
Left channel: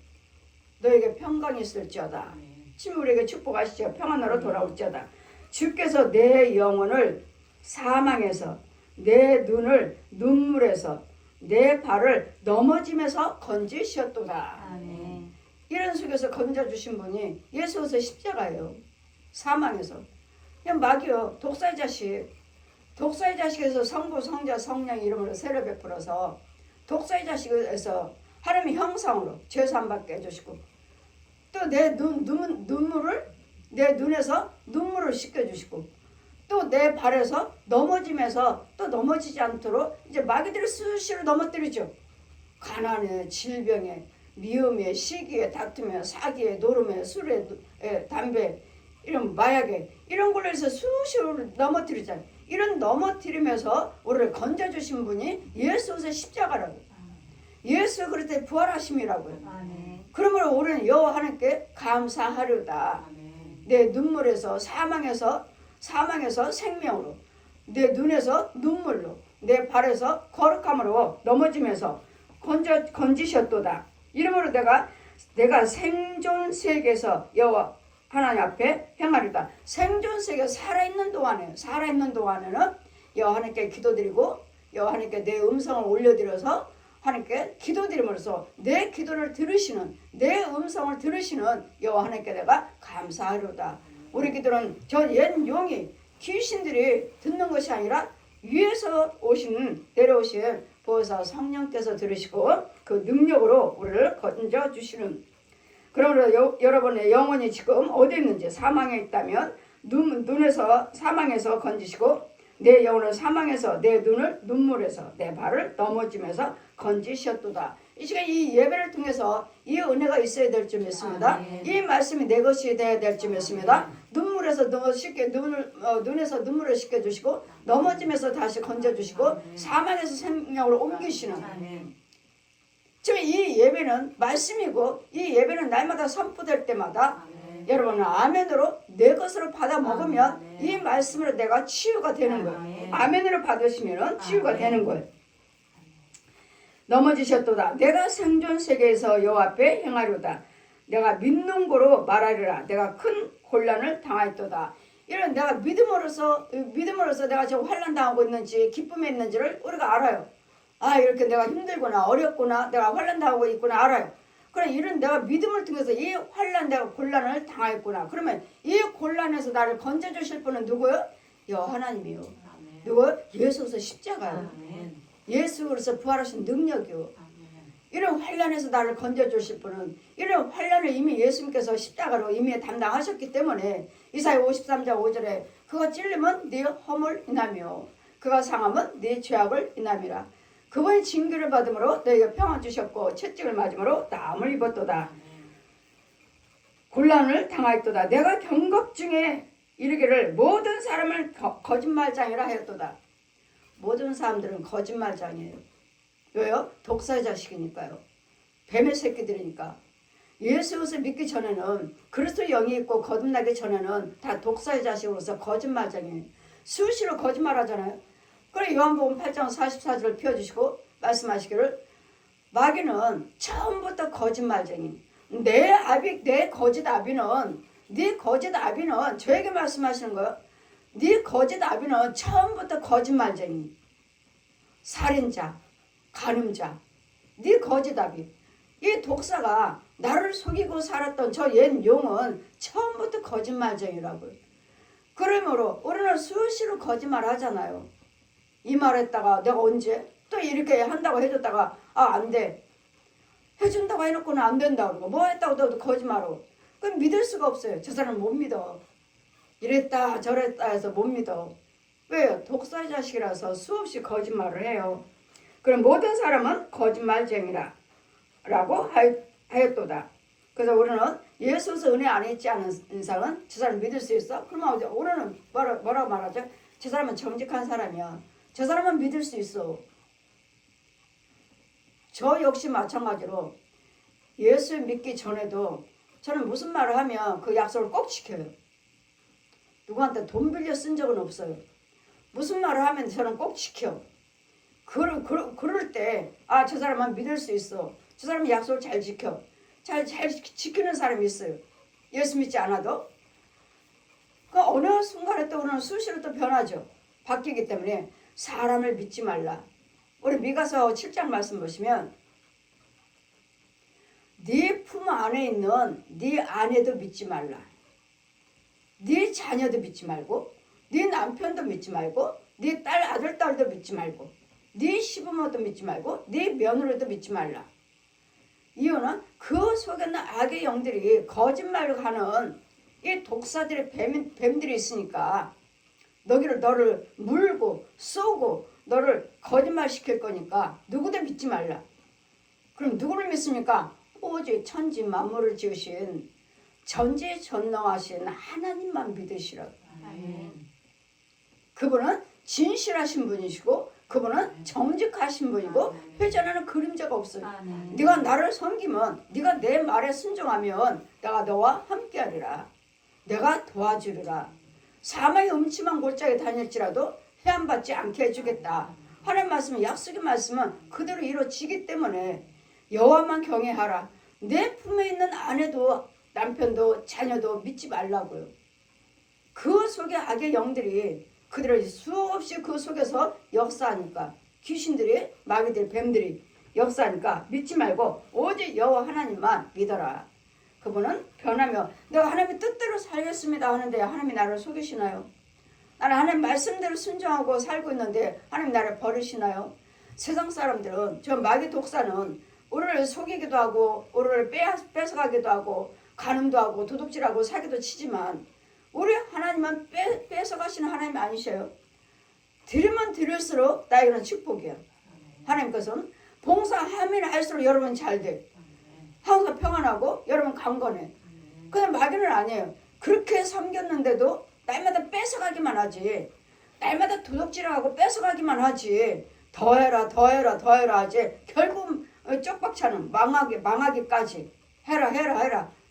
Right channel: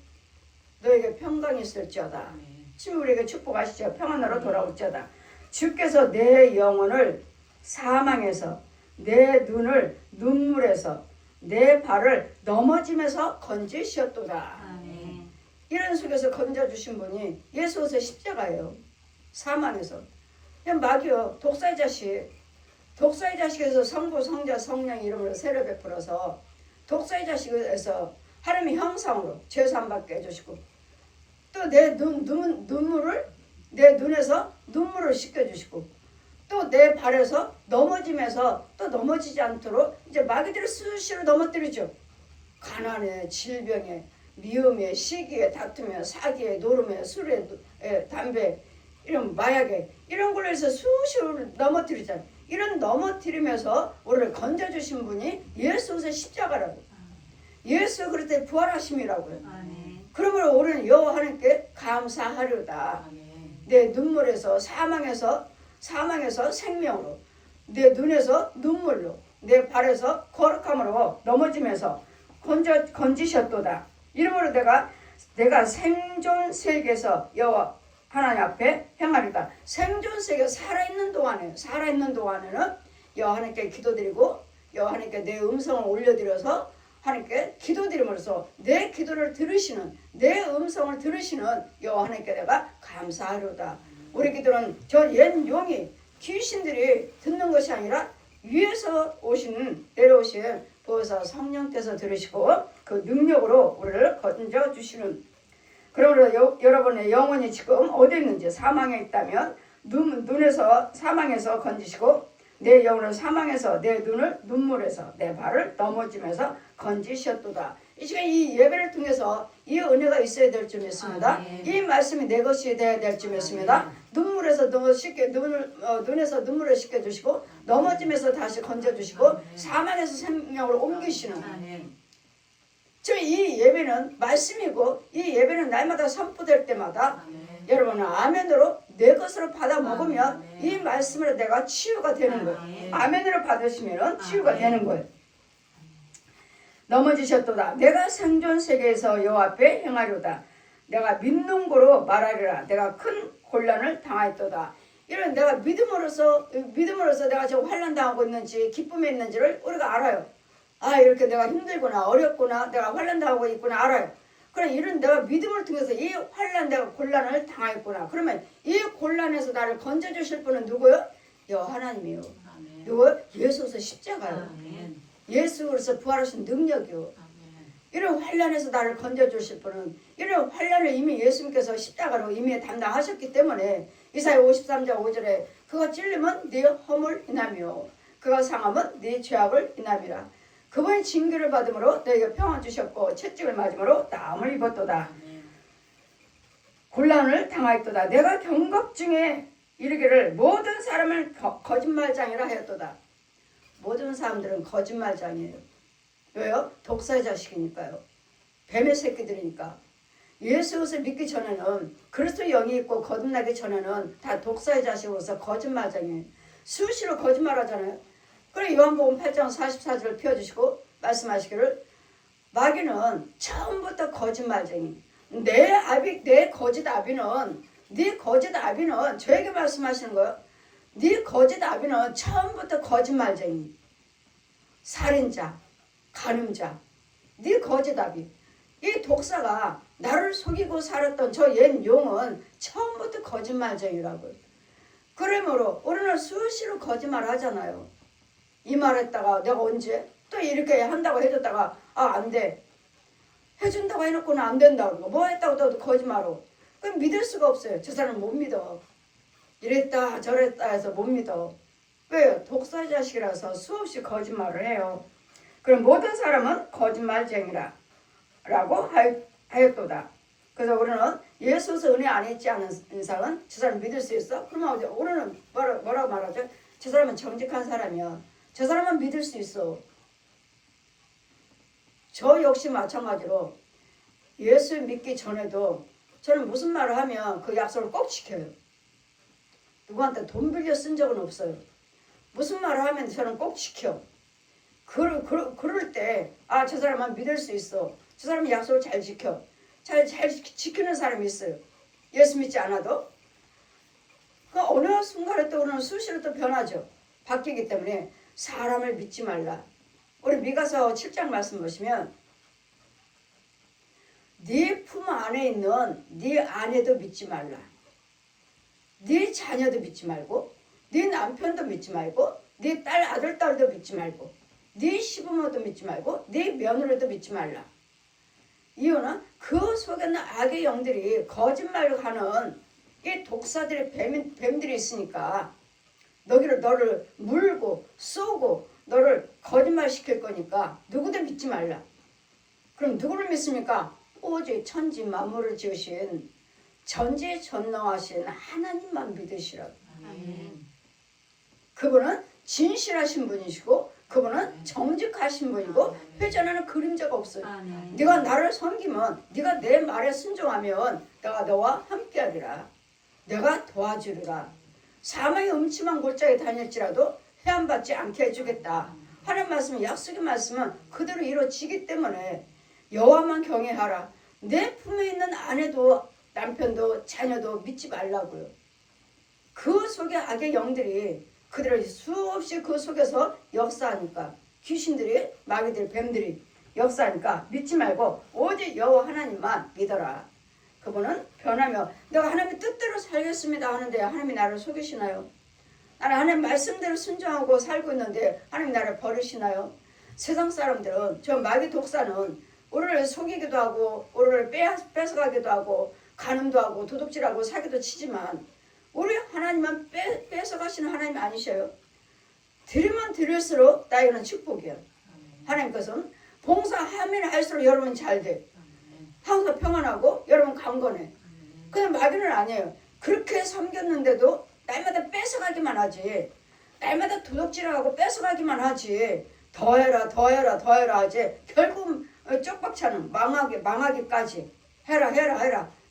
너희에게 평강이 있을지어다. 지금 우리에게 축복하시죠. 평안으로 돌아올지어다. 주께서 내 영혼을 사망에서 내 눈을 눈물에서 내 발을 넘어짐에서 건지셨도다. 아멘. 이런 속에서 건져주신 분이 예수에서 십자가예요. 사망에서. 그냥 마귀요. 독사의 자식에서 성부 성자 성령 이름으로 세례 베풀어서 독사의 자식에서 하나님의 형상으로 죄사함 받게 해주시고 또 내 눈물을 내 눈에서 눈물을 씻겨주시고 또 내 발에서 넘어짐에서 또 넘어지지 않도록 이제 마귀들을 수시로 넘어뜨리죠. 가난에 질병에 미움에 시기에 다툼에 사기에 노름에 술에 담배 이런 마약에 이런 걸로 해서 수시로 넘어뜨리잖아요. 이런 넘어뜨리면서 우리를 건져주신 분이 예수의 십자가라고요. 예수 그리스도의 부활하심이라고요. 그러므로 우리는 여호와 하나님께 감사하려다. 내 눈물에서 사망에서 생명으로 내 눈에서 눈물로 내 발에서 거룩함으로 넘어지면서 건지셨도다. 이러므로 내가 생존 세계에서 여호와 하나님 앞에 행하리다. 생존 세계 살아있는 동안에는 여호와 하나님께 기도드리고 여호와 하나님께 내 음성을 올려드려서 하나님께 기도드림으로써 내 기도를 들으시는 내 음성을 들으시는 여호와 하나님께 내가 감사하리로다. 우리 기도는 저 옛 용이 귀신들이 듣는 것이 아니라 위에서 내려오신 보혜사 성령께서 들으시고 그 능력으로 우리를 건져주시는. 그러므로 여러분의 영혼이 지금 어디 있는지 사망에 있다면 눈에서 사망에서 건지시고 내 영혼을 사망에서 내 눈을 눈물에서 내 발을 넘어지면서 건지셨도다. 이 시간 이 예배를 통해서 이 은혜가 있어야 될 줄 믿습니다. 이 말씀이 내 것이 되어야 될 줄 믿습니다. 눈물에서 눈에서 눈물을 씻겨주시고 넘어짐에서 다시 건져주시고 사망에서 생명으로 옮기시는 지금 이 예배는 말씀이고 이 예배는 날마다 선포될 때마다 여러분은 아멘으로 내 것으로 받아 먹으면 이 말씀으로 내가 치유가 되는 거예요. 아멘으로 받으시면 치유가 되는 거예요. 넘어지셨도다. 내가 생존 세계에서 여호와 앞에 행하려다. 내가 믿는 고로 말하리라. 내가 큰 곤란을 당하였도다. 이런 내가 믿음으로서 내가 지금 환난 당하고 있는지 기쁨에 있는지를 우리가 알아요. 아 이렇게 내가 힘들구나 어렵구나 내가 환난 당하고 있구나 알아요. 그럼 이런 내가 믿음을 통해서 이 환난 내가 곤란을 당하였구나. 그러면 이 곤란에서 나를 건져주실 분은 누구요? 여호와 하나님이요. 누구? 예수께서 십자가요. 예수로서 부활하신 능력이요. 이런 환난에서 나를 건져주실 분은 이런 환난을 이미 예수님께서 십자가로 이미 담당하셨기 때문에 이사야 53장 5절에 그가 찔림은 네 허물 인하며 그가 상함은 네 죄악을 인함이라. 그분이 징계를 받음으로 너희가 평안 주셨고 채찍을 맞음으로 땀을 입었도다. 곤란을 당하였도다. 내가 경각 중에 이르기를 모든 사람을 거짓말장이라 하였도다. 모든 사람들은 거짓말장이에요. 왜요? 독사의 자식이니까요. 뱀의 새끼들이니까. 예수를 믿기 전에는 그리스도 영이 있고 거듭나기 전에는 다 독사의 자식으로서 거짓말장이에요. 수시로 거짓말하잖아요. 그래 요한복음 8장 44절을 펴주시고 말씀하시기를 마귀는 처음부터 거짓말쟁이. 내 거짓 아비는 저에게 말씀하시는 거예요. 네 거짓 아비는 처음부터 거짓말쟁이, 살인자, 간음자. 네 거짓 아비. 이 독사가 나를 속이고 살았던 저 옛 용은 처음부터 거짓말쟁이라고요. 그러므로 우리는 수시로 거짓말하잖아요. 이 말했다가 내가 언제 또 이렇게 한다고 해줬다가 안 돼. 해준다고 해놓고는 안 된다고 그러고 뭐 했다고 또 거짓말하고. 그럼 믿을 수가 없어요. 저 사람 못 믿어. 이랬다 저랬다 해서 못 믿어. 왜요? 독사의 자식이라서 수없이 거짓말을 해요. 그럼 모든 사람은 거짓말쟁이라 라고 하였도다. 그래서 우리는 예수에서 은혜 안 있지 않은 인상은 저 사람 믿을 수 있어? 그러면 우리는 뭐라고 말하죠? 저 사람은 정직한 사람이야. 저 사람은 믿을 수 있어. 저 역시 마찬가지로 예수 믿기 전에도 저는 무슨 말을 하면 그 약속을 꼭 지켜요. 누구한테 돈 빌려 쓴 적은 없어요. 무슨 말을 하면 저는 꼭 지켜. 그럴 때 저 사람은 믿을 수 있어. 저 사람은 약속을 잘 지켜. 잘 지키는 사람이 있어요. 예수 믿지 않아도. 그 어느 순간에 또 우리는 수시로 또 변하죠. 바뀌기 때문에 사람을 믿지 말라. 우리 미가서 7장 말씀 보시면 네 품 안에 있는 네 아내도 믿지 말라. 네 자녀도 믿지 말고 네 남편도 믿지 말고 네 딸 아들 딸도 믿지 말고 네 시부모도 믿지 말고 네 며느리도 믿지 말라. 이유는 그 속에는 악의 영들이 거짓말을 하는 이 독사들의 뱀들이 있으니까 너를 물고 쏘고 너를 거짓말 시킬 거니까 누구도 믿지 말라. 그럼 누구를 믿습니까? 오직 천지 만물을 지으신 전지전능하신 하나님만 믿으시라고. 그분은 진실하신 분이시고 그분은 정직하신 분이고 회전하는 그림자가 없어요. 네가 나를 섬기면 네가 내 말에 순종하면 내가 너와 함께하리라. 내가 도와주리라. 사망의 음침한 골짜기에 다닐지라도 해안받지 않게 해주겠다. 하나님 말씀은 약속의 말씀은 그대로 이루어지기 때문에 여호와만 경외하라. 내 품에 있는 아내도 남편도 자녀도 믿지 말라고요. 그 속에 악의 영들이 그들을 수없이 그 속에서 역사하니까 귀신들이 마귀들이 뱀들이 역사하니까 믿지 말고 오직 여호와 하나님만 믿어라. 그분은 변하며 내가 하나님의 뜻대로 살겠습니다 하는데 하나님이 나를 속이시나요? 나는 하나님 말씀대로 순종하고 살고 있는데 하나님 나를 버리시나요? 세상 사람들은 저 마귀 독사는 우리를 속이기도 하고 우리를 뺏어가기도 하고 간음도 하고 도둑질하고 사기도 치지만 우리 하나님은 뺏어가시는 하나님이 아니셔요. 드리면 드릴수록 나에게는 축복이야. 하나님께서는 봉사하면 할수록 여러분 잘 돼. 항상 평안하고 여러분 강건해. 근데 마귀는 아니에요. 그렇게 섬겼는데도 날마다 뺏어가기만 하지. 날마다 도둑질하고 뺏어가기만 하지. 더해라 더해라 더해라 하지. 결국 쪽박차는 망하기까지 해라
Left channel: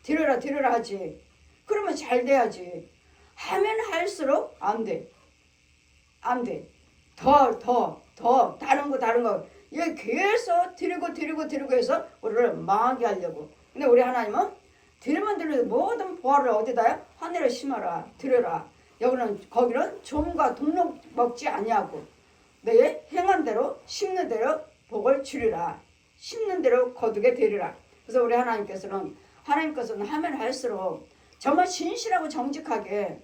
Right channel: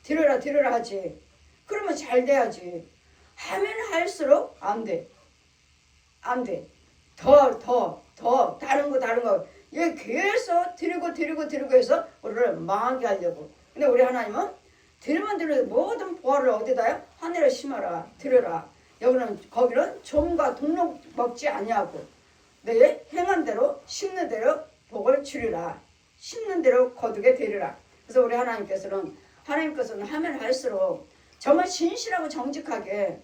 드려라 하지. 그러면 잘 돼야지. 하면 할수록 안 돼. 더 다른 거 얘 계속 드리고 해서 우리를 망하게 하려고. 근데 우리 하나님은 드리면 드려도 모든 보화를 어디다요? 하늘에 심어라 드려라. 거기는 좀과 동록 먹지 아니하고 내 행한 대로 심는 대로 복을 주리라. 심는 대로 거두게 되리라. 그래서 우리 하나님께서는 하면 할수록 정말 진실하고 정직하게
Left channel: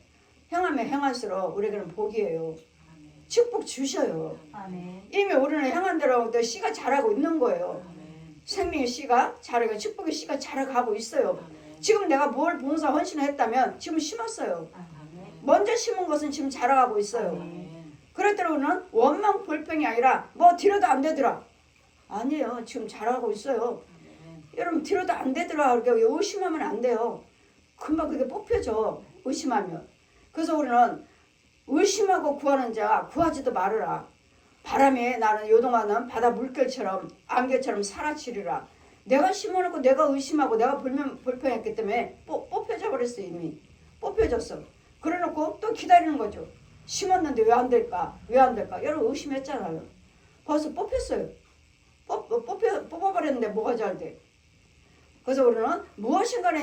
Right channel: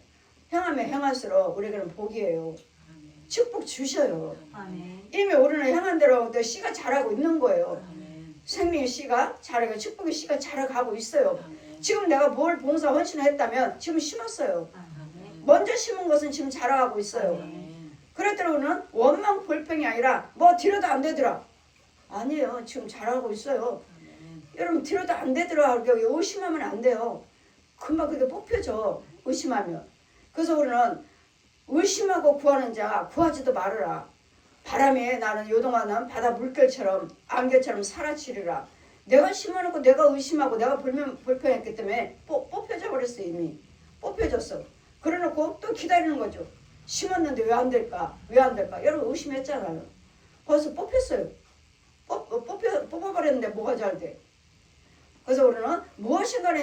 행하면 행할수록 우리에게는 복이에요. 축복 주셔요. 아멘. 이미 우리는 행한 대로 씨가 자라고 있는 거예요. 아멘. 생명의 씨가 자라고 축복의 씨가 자라가고 있어요. 아멘. 지금 내가 뭘 봉사 헌신을 했다면 지금 심었어요. 아멘. 먼저 심은 것은 지금 자라가고 있어요. 아멘. 그랬더니 원망 불평이 아니라 뭐 드려도 안 되더라. 아니에요. 지금 자라고 있어요. 아멘. 여러분 드려도 안 되더라. 그렇게 의심하면 안 돼요. 금방 그게 뽑혀져. 의심하면. 그래서 우리는 의심하고 구하는 자 구하지도 말아라. 바람에 나는 요동하는 바다 물결처럼 안개처럼 사라지리라. 내가 심어놓고 내가 의심하고 내가 불평했기 때문에 뽑혀져 버렸어. 이미 뽑혀졌어. 그래놓고 또 기다리는 거죠. 심었는데 왜 안 될까? 여러분 의심했잖아요. 벌써 뽑혔어요. 뽑아버렸는데 뭐가 잘 돼? 그래서 우리는 무엇인가를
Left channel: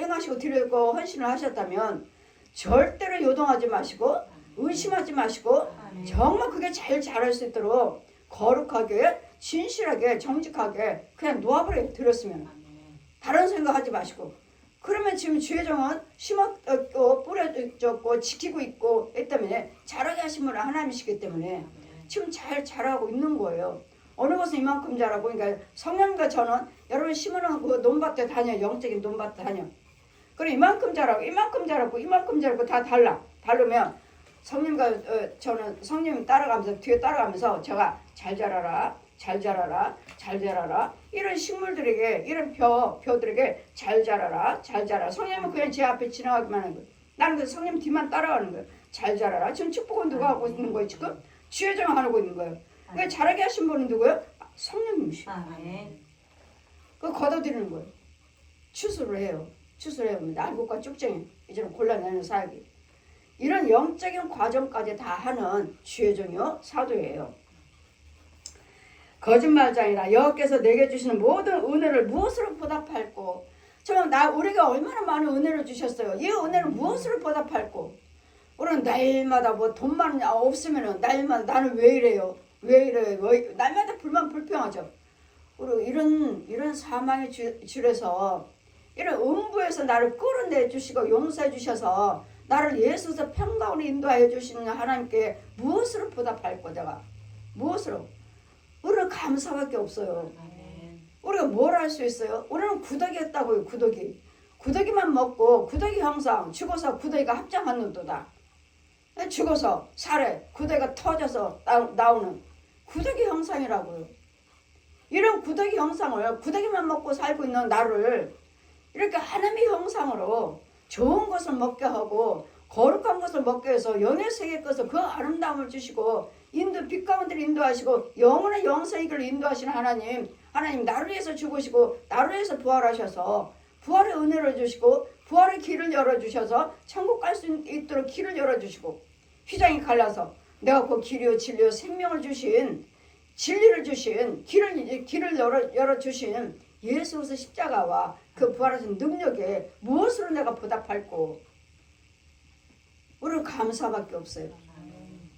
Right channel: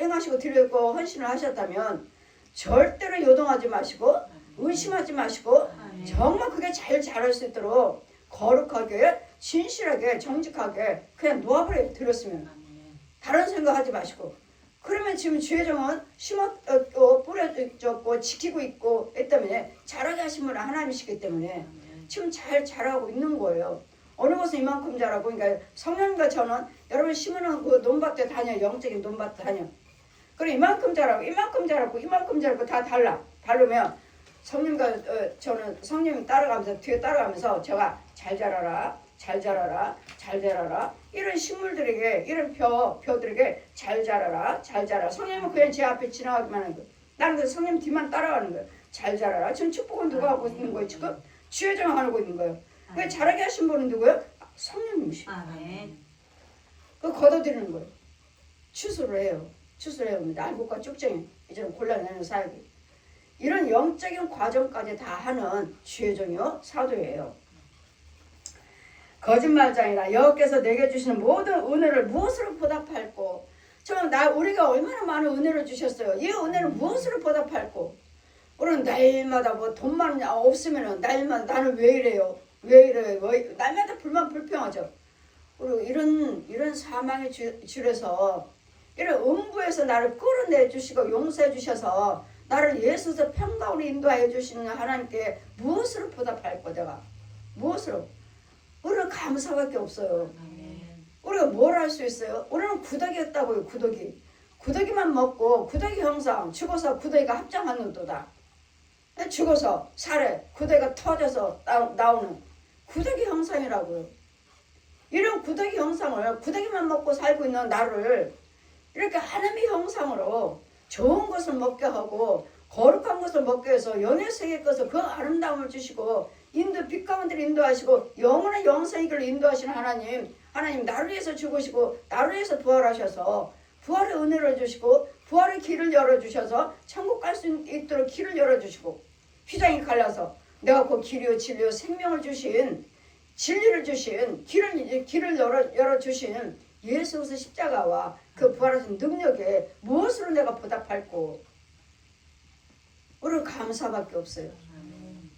행하시고 드리고 헌신을 하셨다면 절대로 요동하지 마시고 의심하지 마시고 정말 그게 잘 자랄 수 있도록 거룩하게 진실하게 정직하게 그냥 놓아버려 드렸으면 다른 생각하지 마시고. 그러면 지금 주혜정은 심었고 뿌려졌고 지키고 있고 했다면 자라게 하신 분은 하나님이시기 때문에 지금 잘 자라고 있는 거예요. 어느 것은 이만큼 자라고. 그러니까 성령과 저는 여러분 심어놓은 그 논밭에 다녀요. 영적인 논밭에 다녀. 그래 이만큼 자라고 다 다르면 성령과 저는 성령님 따라가면서 뒤에 따라가면서 제가 잘 자라라 이런 식물들에게 이런 벼들에게 잘 자라라. 성령님은 그냥 제 앞에 지나가기만 하는 거예요. 나는 그 성령 뒤만 따라가는 거예요. 잘 자라라. 지금 축복은 누가 하고 있는 거예요? 지금 주혜정 하고 있는 거예요. 왜 자라게 하신 분은 누구예요? 성령님이시죠. 아멘. 그 걷어들이는 거예요. 추수를 해요. 날국과 쭉정이 이제는 골라내는 사역이. 이런 영적인 과정까지 다 하는 주혜정이요 사도예요. 거짓말장이라 여호와께서 내게 주시는 모든 은혜를 무엇으로 보답할꼬. 우리가 얼마나 많은 은혜를 주셨어요. 이 은혜를 무엇으로 보답할꼬. 우리는 날마다 뭐 돈만 없으면은 날마다 나는 왜 이래요. 날마다 불평하죠. 그리고 이런 사망의 줄에서 이런 음부에서 나를 끌어내 주시고 용서해 주셔서 나를 예수에서 평강으로 인도하여 주시는 하나님께 무엇으로 보답할꼬. 내가 무엇으로. 우리는 감사밖에 없어요. 우리가 뭘 할 수 있어요? 우리는 구더기였다고요. 구더기만 먹고 구더기 형상 죽어서 구더기가 합장하는도다. 죽어서 살에 구더기가 터져서 나오는 구더기 형상이라고요. 이런 구더기 형상을 구더기만 먹고 살고 있는 나를 이렇게 하나님의 형상으로 좋은 것을 먹게 하고 거룩한 것을 먹게 해서 연애 세계 것을 그 아름다움을 주시고 빛 가운데 인도하시고 영원의 영생의 길로 인도하시는 하나님 나를 위해서 죽으시고 나를 위해서 부활하셔서 부활의 은혜를 주시고 부활의 길을 열어주셔서 천국 갈 수 있도록 길을 열어주시고 휘장이 갈라서 내가 그 길이요 진리요 생명을 주신 진리를 주신 길을 열어주신 예수 그리스도 십자가와 그 부활하신 능력에 무엇으로 내가 보답할꼬. 우리는 감사밖에 없어요.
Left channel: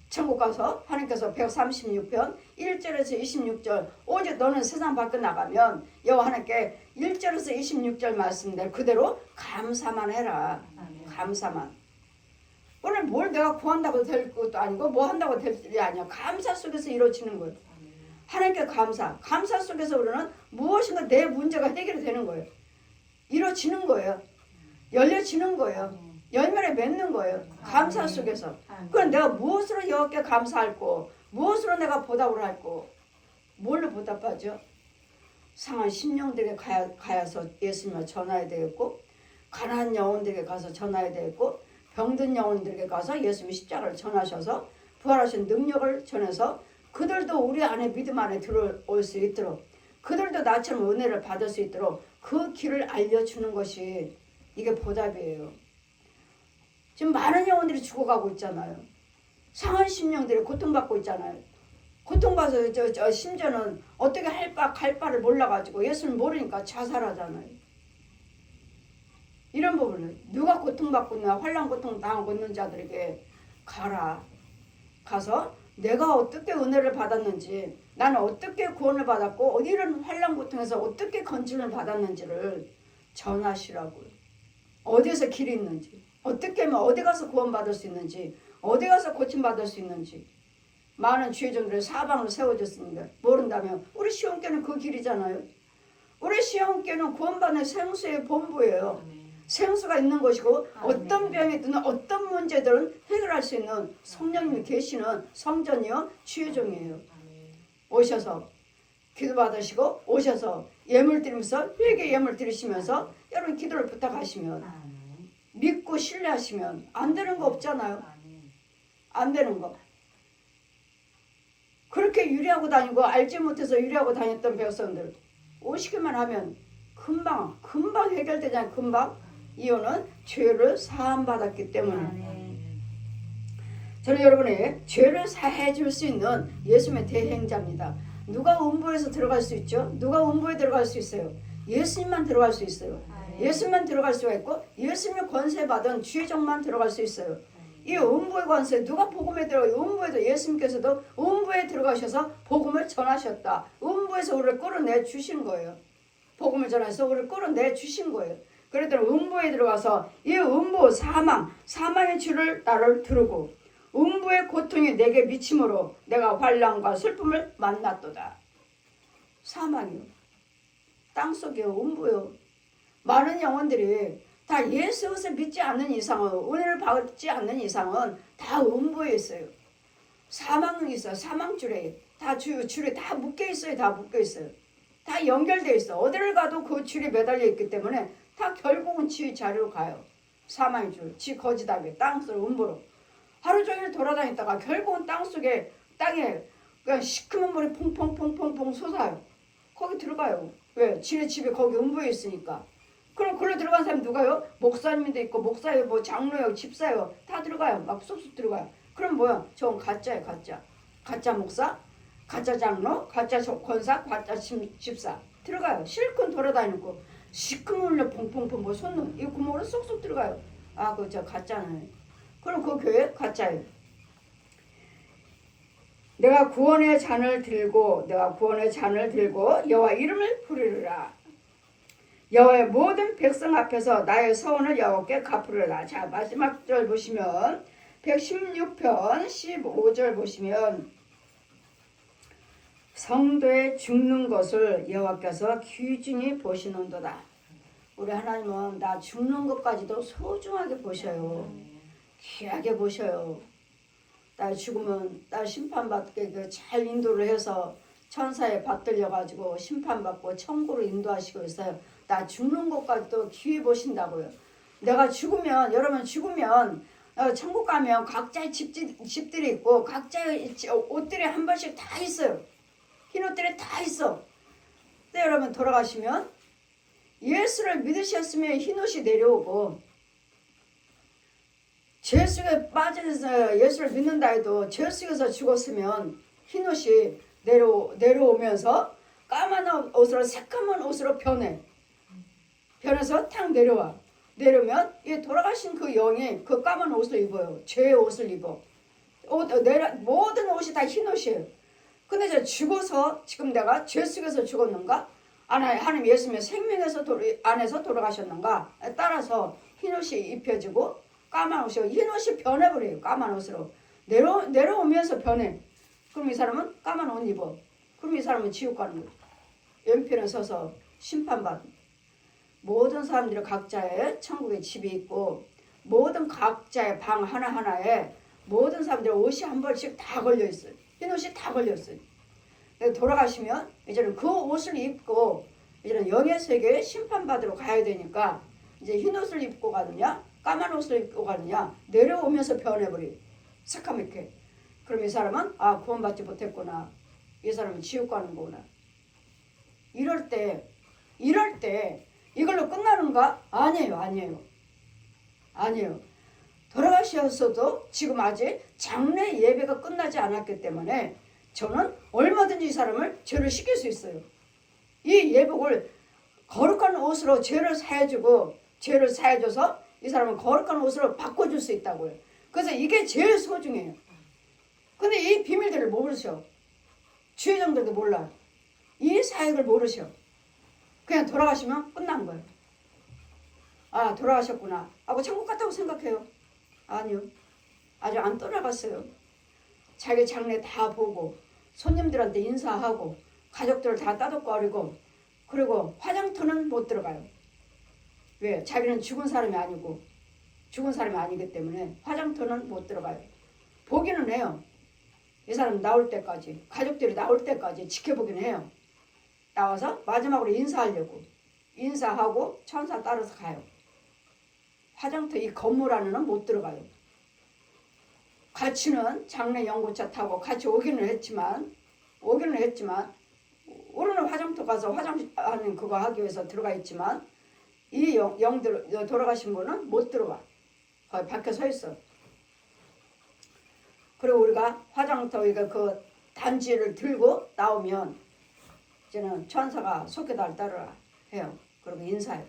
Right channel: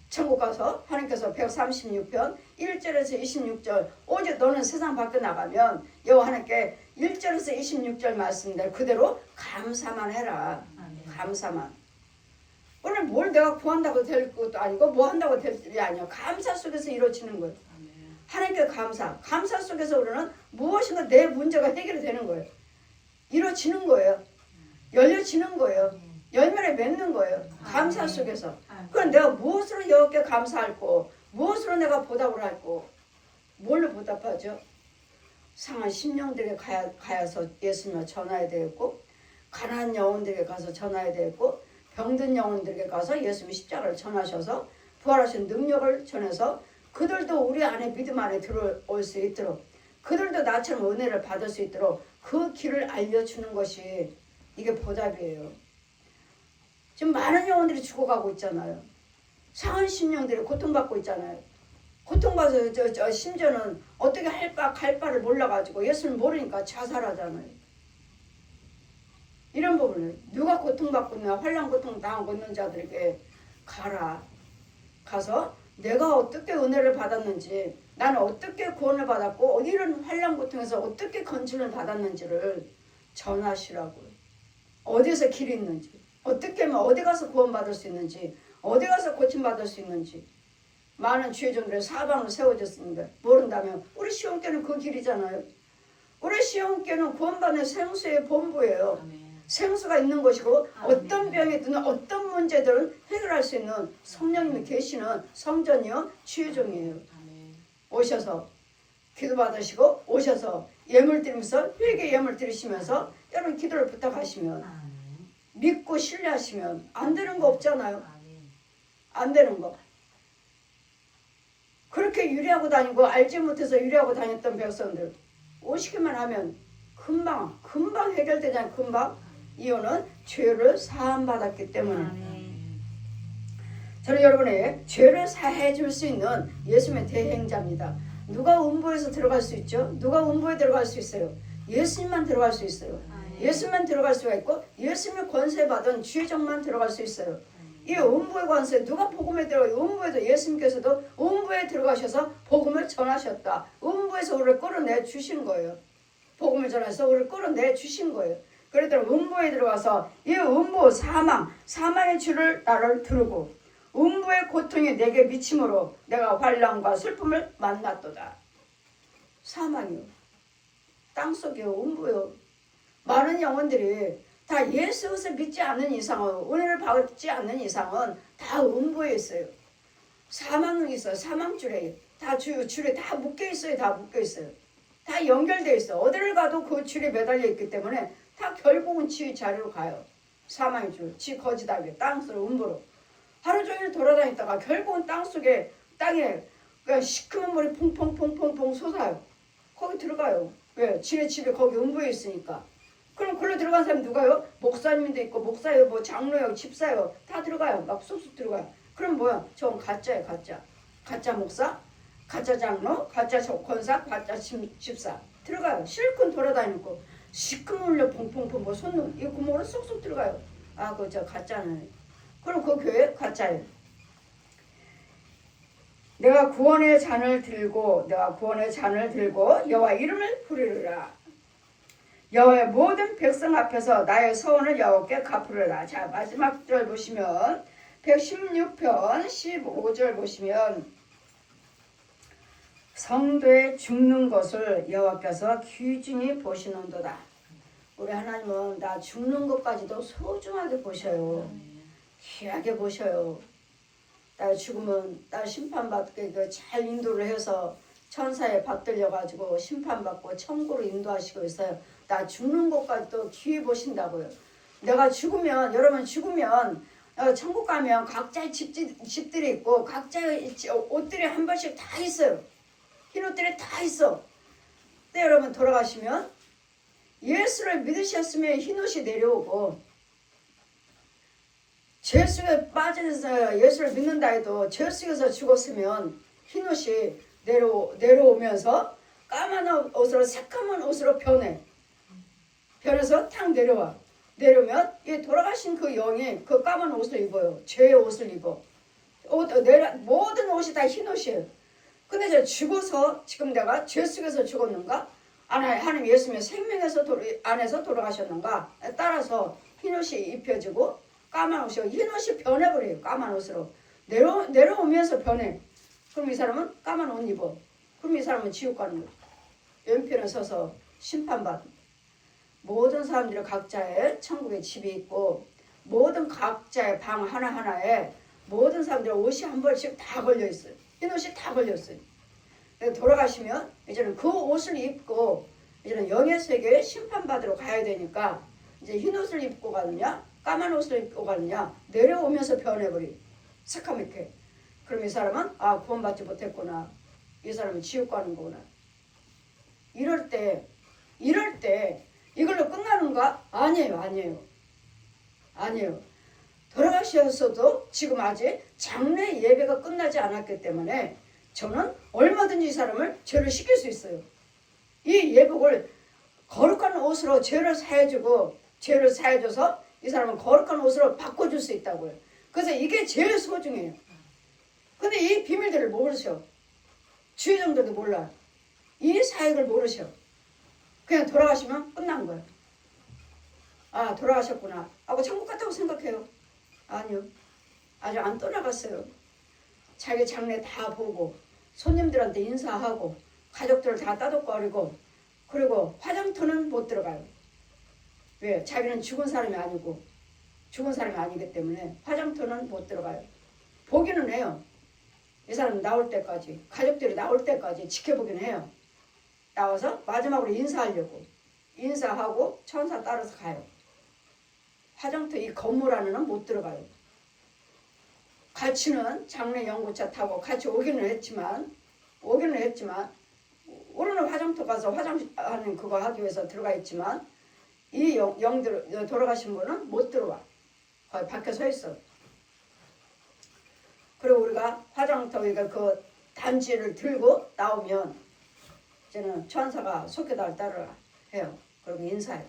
천국 가서 하나님께서 136편 1절에서 26절 오직 너는 세상 밖에 나가면 여호와 하나님께 1절에서 26절 말씀대로 그대로 감사만 해라. 감사만. 오늘 뭘 내가 구한다고 될 것도 아니고 뭐 한다고 될 일이 아니야. 감사 속에서 이루어지는 거예요. 하나님께 감사 속에서 우리는 무엇인가 내 문제가 해결이 되는 거예요. 이루어지는 거예요. 열려지는 거예요. 열매를 맺는 거예요. 감사 속에서. 그럼 내가 무엇으로 여호와께 감사할꼬. 무엇으로 내가 보답을 할꼬. 뭘로 보답하죠? 상한 심령들에게 가야서 예수님을 전해야 되겠고 가난한 영혼들에게 가서 전해야 되고 병든 영혼들에게 가서 예수님의 십자가를 전하셔서 부활하신 능력을 전해서 그들도 우리 안에 믿음 안에 들어올 수 있도록 그들도 나처럼 은혜를 받을 수 있도록 그 길을 알려주는 것이 이게 보답이에요. 지금 많은 영혼들이 죽어가고 있잖아요. 상한 심령들이 고통받고 있잖아요. 고통받아서 심지어는 어떻게 갈 바를 몰라가지고 예수를 모르니까 자살하잖아요. 이런 부분을 누가 고통받고 있나 환난 고통 당하고 있는 자들에게 가서 내가 어떻게 은혜를 받았는지 나는 어떻게 구원을 받았고 이런 환난 고통에서 어떻게 건짐을 받았는지를 전하시라고요. 어디에서 길이 있는지 어떻게 하면 어디 가서 구원받을 수 있는지 어디 가서 고침받을 수 있는지 많은 주의종들의 사방으로 세워졌습니다. 모른다면 우리 시온교는 그 길이잖아요. 우리 시온교는 구원받는 생수의 본부예요. 생수가 있는 것이고 어떤 병이든 어떤 문제들은 해결할 수 있는 성령님이 계시는 성전이요 주의종이에요. 오셔서 기도받으시고 오셔서 예물 드리면서 회개 예물 드리시면서 여러분 기도를 부탁하시면 믿고 신뢰하시면 안 되는 거 없잖아요. 안 되는 거. 그렇게 유리하고 다니고 알지 못해서 유리하고 다녔던 백성들 오시기만 하면 금방 해결되잖아요. 금방. 이유는 죄를 사함받았기 때문에. 저는 여러분의 죄를 사해 줄 수 있는 예수님의 대행자입니다. 누가 음부에서 들어갈 수 있죠? 누가 음부에 들어갈 수 있어요? 예수님만 들어갈 수 있어요. 예수님만 들어갈 수가 있고 예수님의 권세 받은 주의종만 들어갈 수 있어요. 이 음부의 권세 누가 복음에 들어가요? 음부에도 예수님께서도 음부에 들어가셔서 복음을 전하셨다. 음부에서 우리를 끌어내 주신 거예요. 복음을 전해서 우리를 끌어내 주신 거예요. 그래도 음부에 들어가서 이 음부 사망의 줄을 나를 두르고 음부의 고통이 내게 미침으로 내가 환난과 슬픔을 만났도다. 사망이요. 땅속이요. 음부요. 많은 영혼들이 다 예수 그리스도를 믿지 않는 이상은 은혜를 받지 않는 이상은 다 음부에 있어요. 사망이 있어요. 사망줄에 다 줄에 다 묶여 있어요. 다 묶여 있어요. 다 연결되어 있어. 어디를 가도 그 줄에 매달려 있기 때문에 다 결국은 지 자리로 가요. 사망의 줄, 지 거지다게 땅속으로 음부로 하루 종일 돌아다니다가 결국은 땅에 그 시커먼 물이 퐁퐁퐁퐁 솟아요. 거기 들어가요. 왜? 지네 집에 거기 음부에 있으니까. 그럼 글로 들어간 사람이 누가요? 목사님도 있고 목사요, 뭐 장로요, 집사요 다 들어가요. 막 쑥쑥 들어가요. 그럼 뭐야? 저건 가짜예요, 가짜. 가짜 목사, 가짜 장로, 가짜 권사, 가짜 집사 들어가요. 실컷 돌아다니고 시커먼 물로 퐁퐁퐁 뭐 솟는 이 구멍으로 쏙쏙 들어가요. 아, 그거 저 가짜네. 그럼 그 교회 가짜예요. 내가 구원의 잔을 들고 여호와 이름을 부르리라. 여호와의 모든 백성 앞에서 나의 서원을 여호와께 갚으리라. 자, 마지막 절 보시면 116편 15절 보시면 성도의 죽는 것을 여호와께서 귀중히 보시는도다. 우리 하나님은 나 죽는 것까지도 소중하게 보셔요. 귀하게 보셔요. 나 죽으면 나 심판받게 잘 인도를 해서 천사에 받들려가지고 심판받고 천국으로 인도하시고 있어요. 나 죽는 것까지도 귀히 보신다고요. 내가 죽으면 여러분 죽으면 천국 가면 각자의 집들이 있고 각자의 옷들이 한 번씩 다 있어요. 흰 옷들이 다 있어. 근데 여러분 돌아가시면 예수를 믿으셨으면 흰 옷이 내려오고 죄 속에 빠져서 예수를 믿는다 해도 죄 속에서 죽었으면 흰 옷이 내려오면서 까만 옷으로 새까만 옷으로 변해서 탁 내려오면 이 돌아가신 그 영이 그 까만 옷을 입어요. 죄의 옷을 입어. 모든 옷이 다 흰 옷이에요. 근데 저 죽어서 지금 내가 죄 속에서 죽었는가? 하나님 예수님의 생명에서 안에서 돌아가셨는가? 따라서 흰 옷이 입혀지고 까만 옷이 흰 옷이 변해버려요. 까만 옷으로 내려오면서 변해. 그럼 이 사람은 까만 옷 입어. 그럼 이 사람은 지옥 가는 거죠. 왼편에 서서 심판받는. 모든 사람들이 각자의 천국에 집이 있고 모든 각자의 방 하나하나에 모든 사람들의 옷이 한 벌씩 다 걸려있어요. 흰 옷이 다 걸렸어요. 돌아가시면 이제는 그 옷을 입고 이제는 영의 세계에 심판받으러 가야 되니까 이제 흰 옷을 입고 가느냐 까만 옷을 입고 가느냐 내려오면서 변해버리 새카맣게. 그럼 이 사람은 아 구원받지 못했구나. 이 사람은 지옥 가는 거구나. 이럴 때 이걸로 끝나는가? 아니에요. 돌아가셨어도 지금 아직 장례 예배가 끝나지 않았기 때문에 저는 얼마든지 이 사람을 죄를 씻길 수 있어요. 이 예복을 거룩한 옷으로 죄를 사해줘서 이 사람은 거룩한 옷으로 바꿔줄 수 있다고요. 그래서 이게 제일 소중해요. 근데 이 비밀들을 모르셔. 주의정들도 몰라. 이 사역을 모르셔. 그냥 돌아가시면 끝난 거예요. 아 돌아가셨구나 하고 천국 갔다고 생각해요. 아니요. 아직 안 떠나갔어요. 자기 장례 다 보고 손님들한테 인사하고 가족들을 다 따독거리고 그리고 화장터는 못 들어가요. 왜? 자기는 죽은 사람이 아니기 때문에 화장터는 못 들어가요. 보기는 해요. 이 사람 나올 때까지 가족들이 나올 때까지 지켜보긴 해요. 나와서 마지막으로 인사하고 천사 따라서 가요. 화장터 이 건물 안에는 못 들어가요. 같이는 장례 연구차 타고 같이 오기는 했지만 우리는 화장터 가서 화장하는 그거 하기 위해서 들어가 있지만 이 영들 돌아가신 분은 못 들어와. 거기 밖에 서 있어. 그리고 우리가 화장터 그 단지를 들고 나오면 이제는 천사가 속에 날 따르라 해요. 그리고 인사.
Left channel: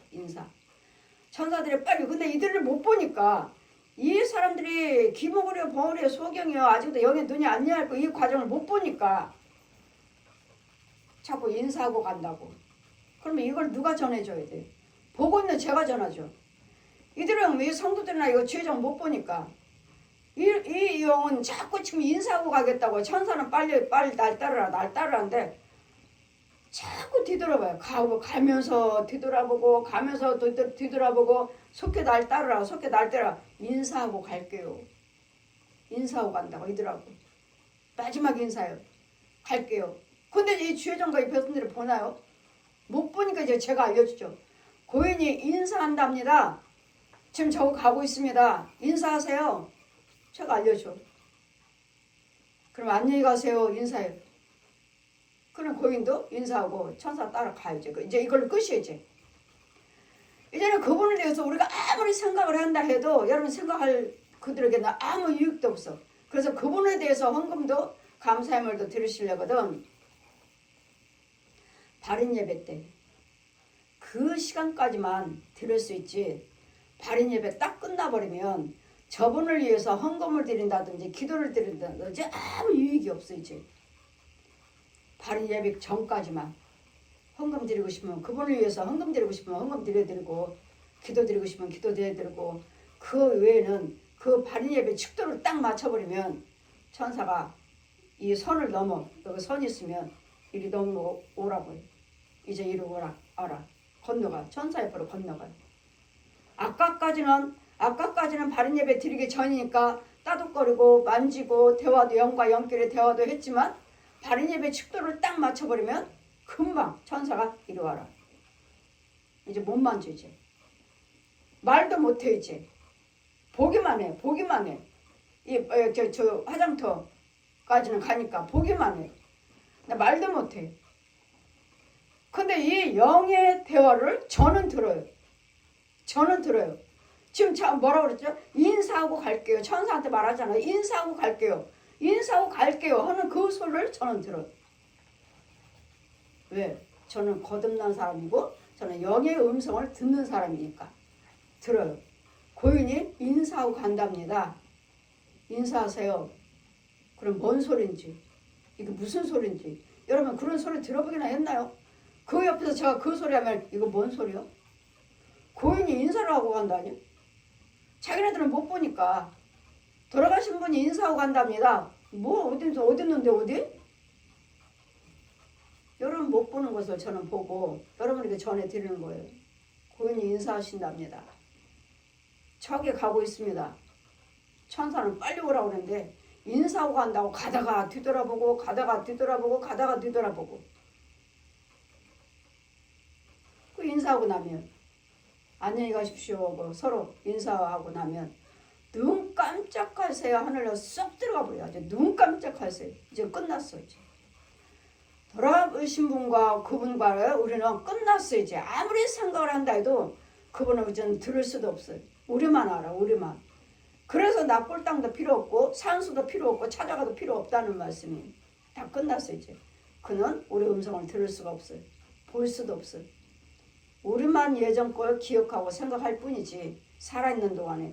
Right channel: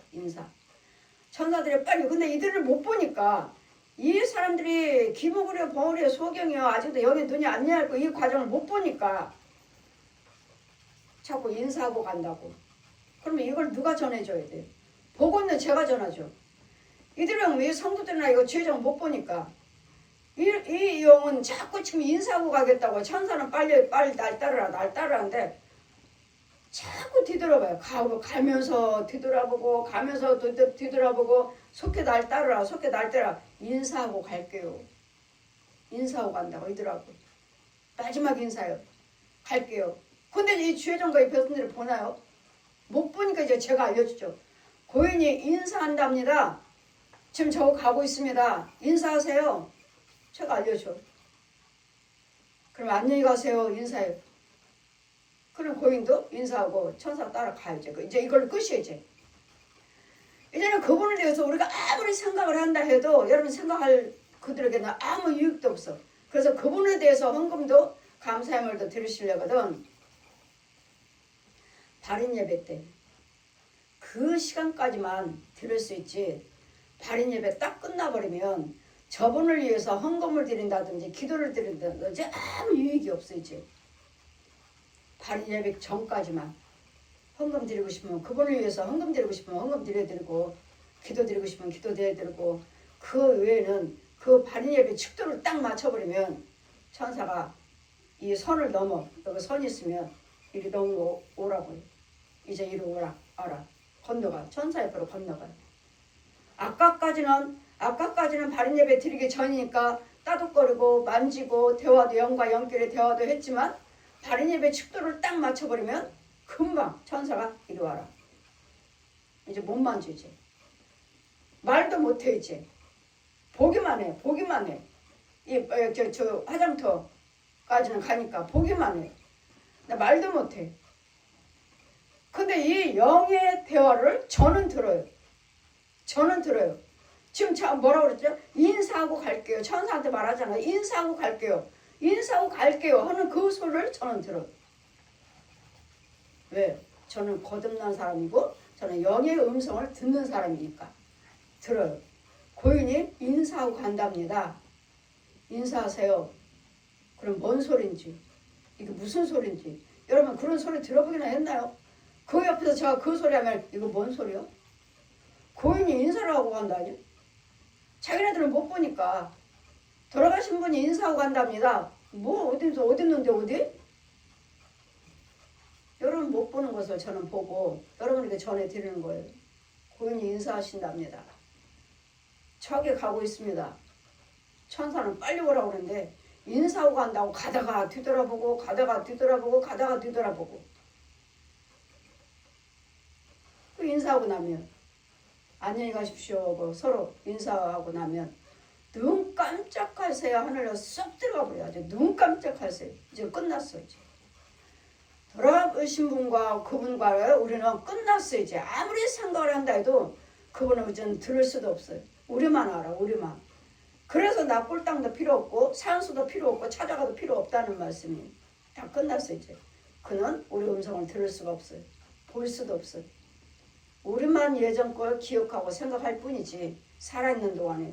천사들이 빨리 근데 이들을 못 보니까 이 사람들이 기목으로 버울이요 소경이요 아직도 여기 눈이 안 열고 이 과정을 못 보니까 자꾸 인사하고 간다고. 그러면 이걸 누가 전해줘야 돼? 보고 있는 제가 전하죠. 이들은 이 성도들이나 이거 주의장 못 보니까 이 영은 자꾸 지금 인사하고 가겠다고 천사는 빨리 날 따르라는데 자꾸 뒤돌아봐요. 가면서 뒤돌아보고 속해 날 따르라 인사하고 갈게요. 인사하고 간다고 이더라고. 마지막 인사요. 갈게요. 근데 이 주혜정과 이 백성들이 보나요? 못 보니까 이제 제가 알려주죠. 고인이 인사한답니다. 지금 저거 가고 있습니다. 인사하세요. 제가 알려줘. 그럼 안녕히 가세요. 인사해요. 그럼 고인도 인사하고 천사 따라가야죠. 이제 이걸로 끝이에요. 이제는 그분에 대해서 우리가 아무리 생각을 한다 해도 여러분 생각할 그들에게는 아무 유익도 없어. 그래서 그분에 대해서 헌금도 감사의물도 드리시려거든. 발인 예배 때 그 시간까지만 드릴 수 있지. 발인 예배 딱 끝나버리면 저분을 위해서 헌금을 드린다든지 기도를 드린다든지 아무 유익이 없어 이제. 발인 예배 전까지만 헌금 드리고 싶으면 그분을 위해서 헌금 드리고 싶으면 헌금 드려드리고 기도 드리고 싶으면 기도 드려드리고 그 외에는 그 발인 예배 축도를 딱 맞춰버리면 천사가 이 선을 넘어 여기 선 있으면 이리 넘어 오라고 이제 이리 오라 건너가 천사 옆으로 건너가. 아까까지는 발인 예배 드리기 전이니까 따독거리고 만지고 대화도 영과 영끼리 대화도 했지만 발인 예배 축도를 딱 맞춰버리면 금방 천사가 이리 와라. 이제 못 만져 이제. 말도 못해 이제. 보기만 해. 저 화장터까지는 가니까 보기만 해. 나 말도 못해. 근데 이 영의 대화를 저는 들어요. 지금 뭐라고 그랬죠? 인사하고 갈게요. 천사한테 말하잖아요. 인사하고 갈게요 하는 그 소리를 저는 들어요. 왜? 저는 거듭난 사람이고 저는 영의 음성을 듣는 사람이니까 들어요. 고인이 인사하고 간답니다. 인사하세요. 그럼 뭔 소린지 이게 무슨 소린지 여러분 그런 소리 들어보기나 했나요? 그 옆에서 제가 그 소리 하면 이거 뭔 소리요? 고인이 인사를 하고 간다니? 자기네들은 못 보니까 돌아가신 분이 인사하고 간답니다. 뭐 어딨는데 어디? 여러분 못 보는 것을 저는 보고 여러분에게 전해드리는 거예요. 고인이 인사하신답니다. 저기 가고 있습니다. 천사는 빨리 오라고 그러는데 인사하고 간다고 가다가 뒤돌아보고 그 인사하고 나면 안녕히 가십시오 하고 서로 인사하고 나면 눈 깜짝하세요 하늘로 쏙 들어가 버려. 아주 눈 깜짝하세요. 이제 끝났어. 이제 돌아오신 분과 그분과 우리는 끝났어. 이제 아무리 생각을 한다 해도 그분은 이제 들을 수도 없어요. 우리만 알아. 우리만. 그래서 나 꼴땅도 필요 없고 산수도 필요 없고 찾아가도 필요 없다는 말씀이 다 끝났어. 이제 그는 우리 음성을 들을 수가 없어요. 볼 수도 없어요. 우리만 예전 걸 기억하고 생각할 뿐이지 살아있는 동안에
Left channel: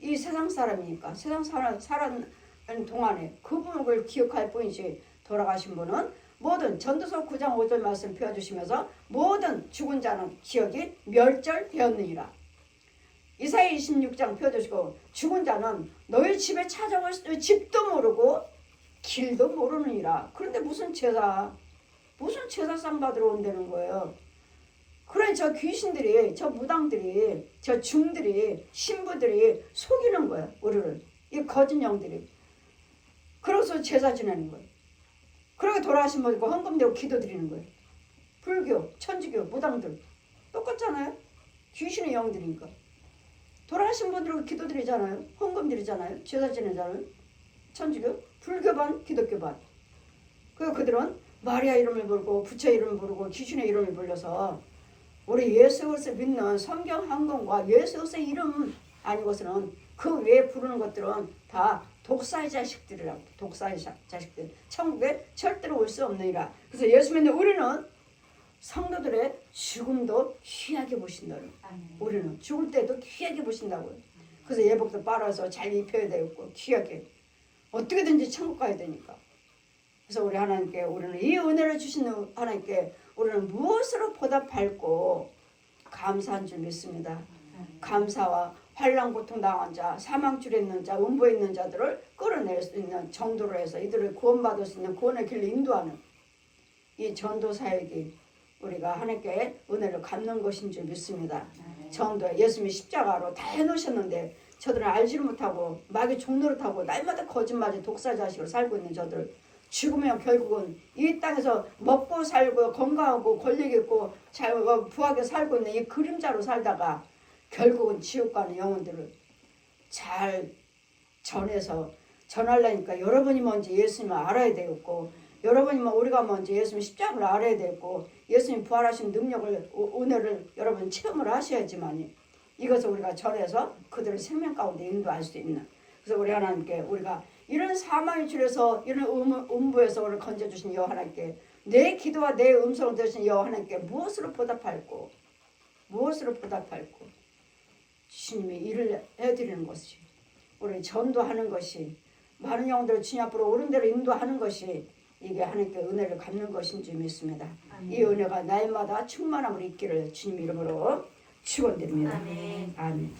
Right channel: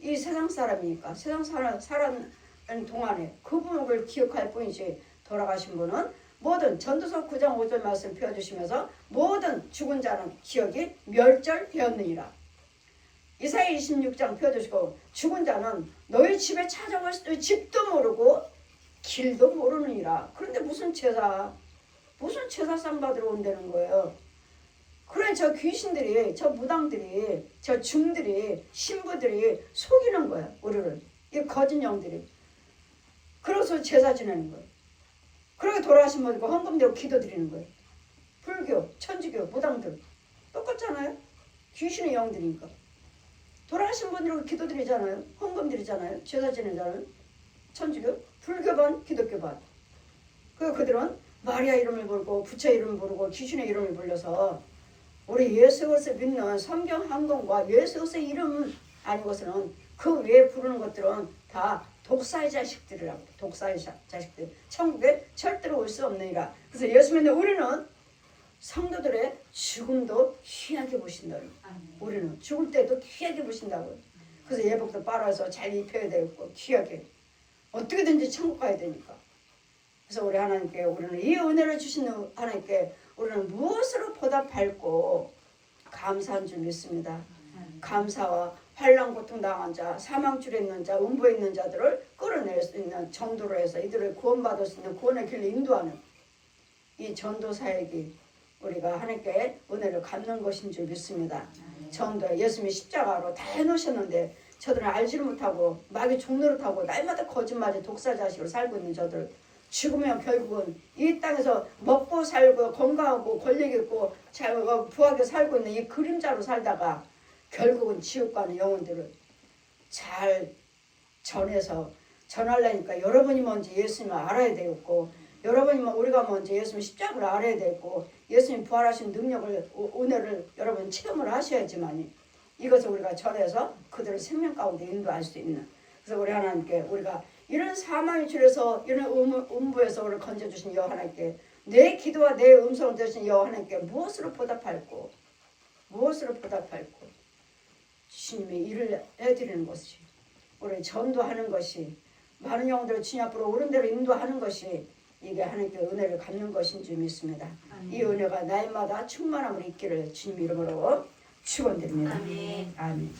이 세상 사람이니까 세상 살아있는 동안에 그분을 기억할 뿐이지 돌아가신 분은 모든 전도서 9장 5절 말씀 펴주시면서 모든 죽은 자는 기억이 멸절되었느니라. 이사야 26장 펴주시고 죽은 자는 너희 집에 찾아올 집도 모르고 길도 모르느니라. 그런데 무슨 제사상 받으러 온다는 거예요. 그래 저 귀신들이 저 무당들이 저 중들이 신부들이 속이는 거예요. 우리를 이 거짓 영들이. 그래서 제사 지내는 거예요. 그러게 돌아가신 분들 헌금되고 기도드리는 거예요. 불교, 천주교, 무당들 똑같잖아요. 귀신의 영들이니까. 돌아가신 분들은 기도드리잖아요. 헌금드리잖아요. 제사 지내잖아요. 천주교, 불교반, 기독교반. 그들은 마리아 이름을 부르고 부처 이름을 부르고 귀신의 이름을 불러서 우리 예수 그리스도 믿는 성경 한권과 예수 그리스도의 이름 아니고서는 그 외에 부르는 것들은 다 독사의 자식들이라고. 독사의 자식들. 천국에 절대로 올 수 없느니라. 그래서 예수 믿는 우리는 성도들의 죽음도 귀하게 보신다. 우리는 죽을 때도 귀하게 보신다고요. 그래서 예복도 빨아서 잘 입혀야 되고 귀하게. 어떻게든지 천국 가야 되니까. 그래서 우리 하나님께 우리는 이 은혜를 주신 하나님께 우리는 무엇으로 보답할고 감사한 줄 믿습니다. 감사와 환난 고통 당한 자, 사망줄에 있는 자, 음부에 있는 자들을 끌어낼 수 있는 전도를 해서 이들을 구원받을 수 있는 구원의 길로 인도하는 이 전도 사역이 우리가 하나님께 은혜를 갚는 것인 줄 믿습니다. 전도 예수님이 십자가로 다 해놓으셨는데 저들은 알지를 못하고 마귀 종노릇하고 날마다 거짓말에 독사자식으로 살고 있는 저들 죽으면 결국은 이 땅에서 먹고 살고 건강하고 권력 있고 잘 부하게 살고 있는 이 그림자로 살다가 결국은 지옥 가는 영혼들을 잘 전해서 전하려니까 여러분이 먼저 예수님을 알아야 되겠고 여러분이 우리가 먼저 예수님 십자가를 알아야 되고 예수님 부활하신 능력을 은혜를 여러분 체험을 하셔야지만 이것을 우리가 전해서 그들을 생명 가운데 인도할 수 있는. 그래서 우리 하나님께 우리가 이런 사망의 줄에서 이런 음부에서 우리를 건져주신 여호와 하나님께 내 기도와 내 음성을 들으신 여호와 하나님께 무엇으로 보답할고 주님이 일을 해드리는 것이 우리 전도하는 것이 많은 영혼들을 주님 앞으로 옳은 대로 인도하는 것이 이게 하나님께 은혜를 갚는 것인 줄 믿습니다. 이 은혜가 날마다 충만함을 있기를 주님 이름으로 축원드립니다. 아멘.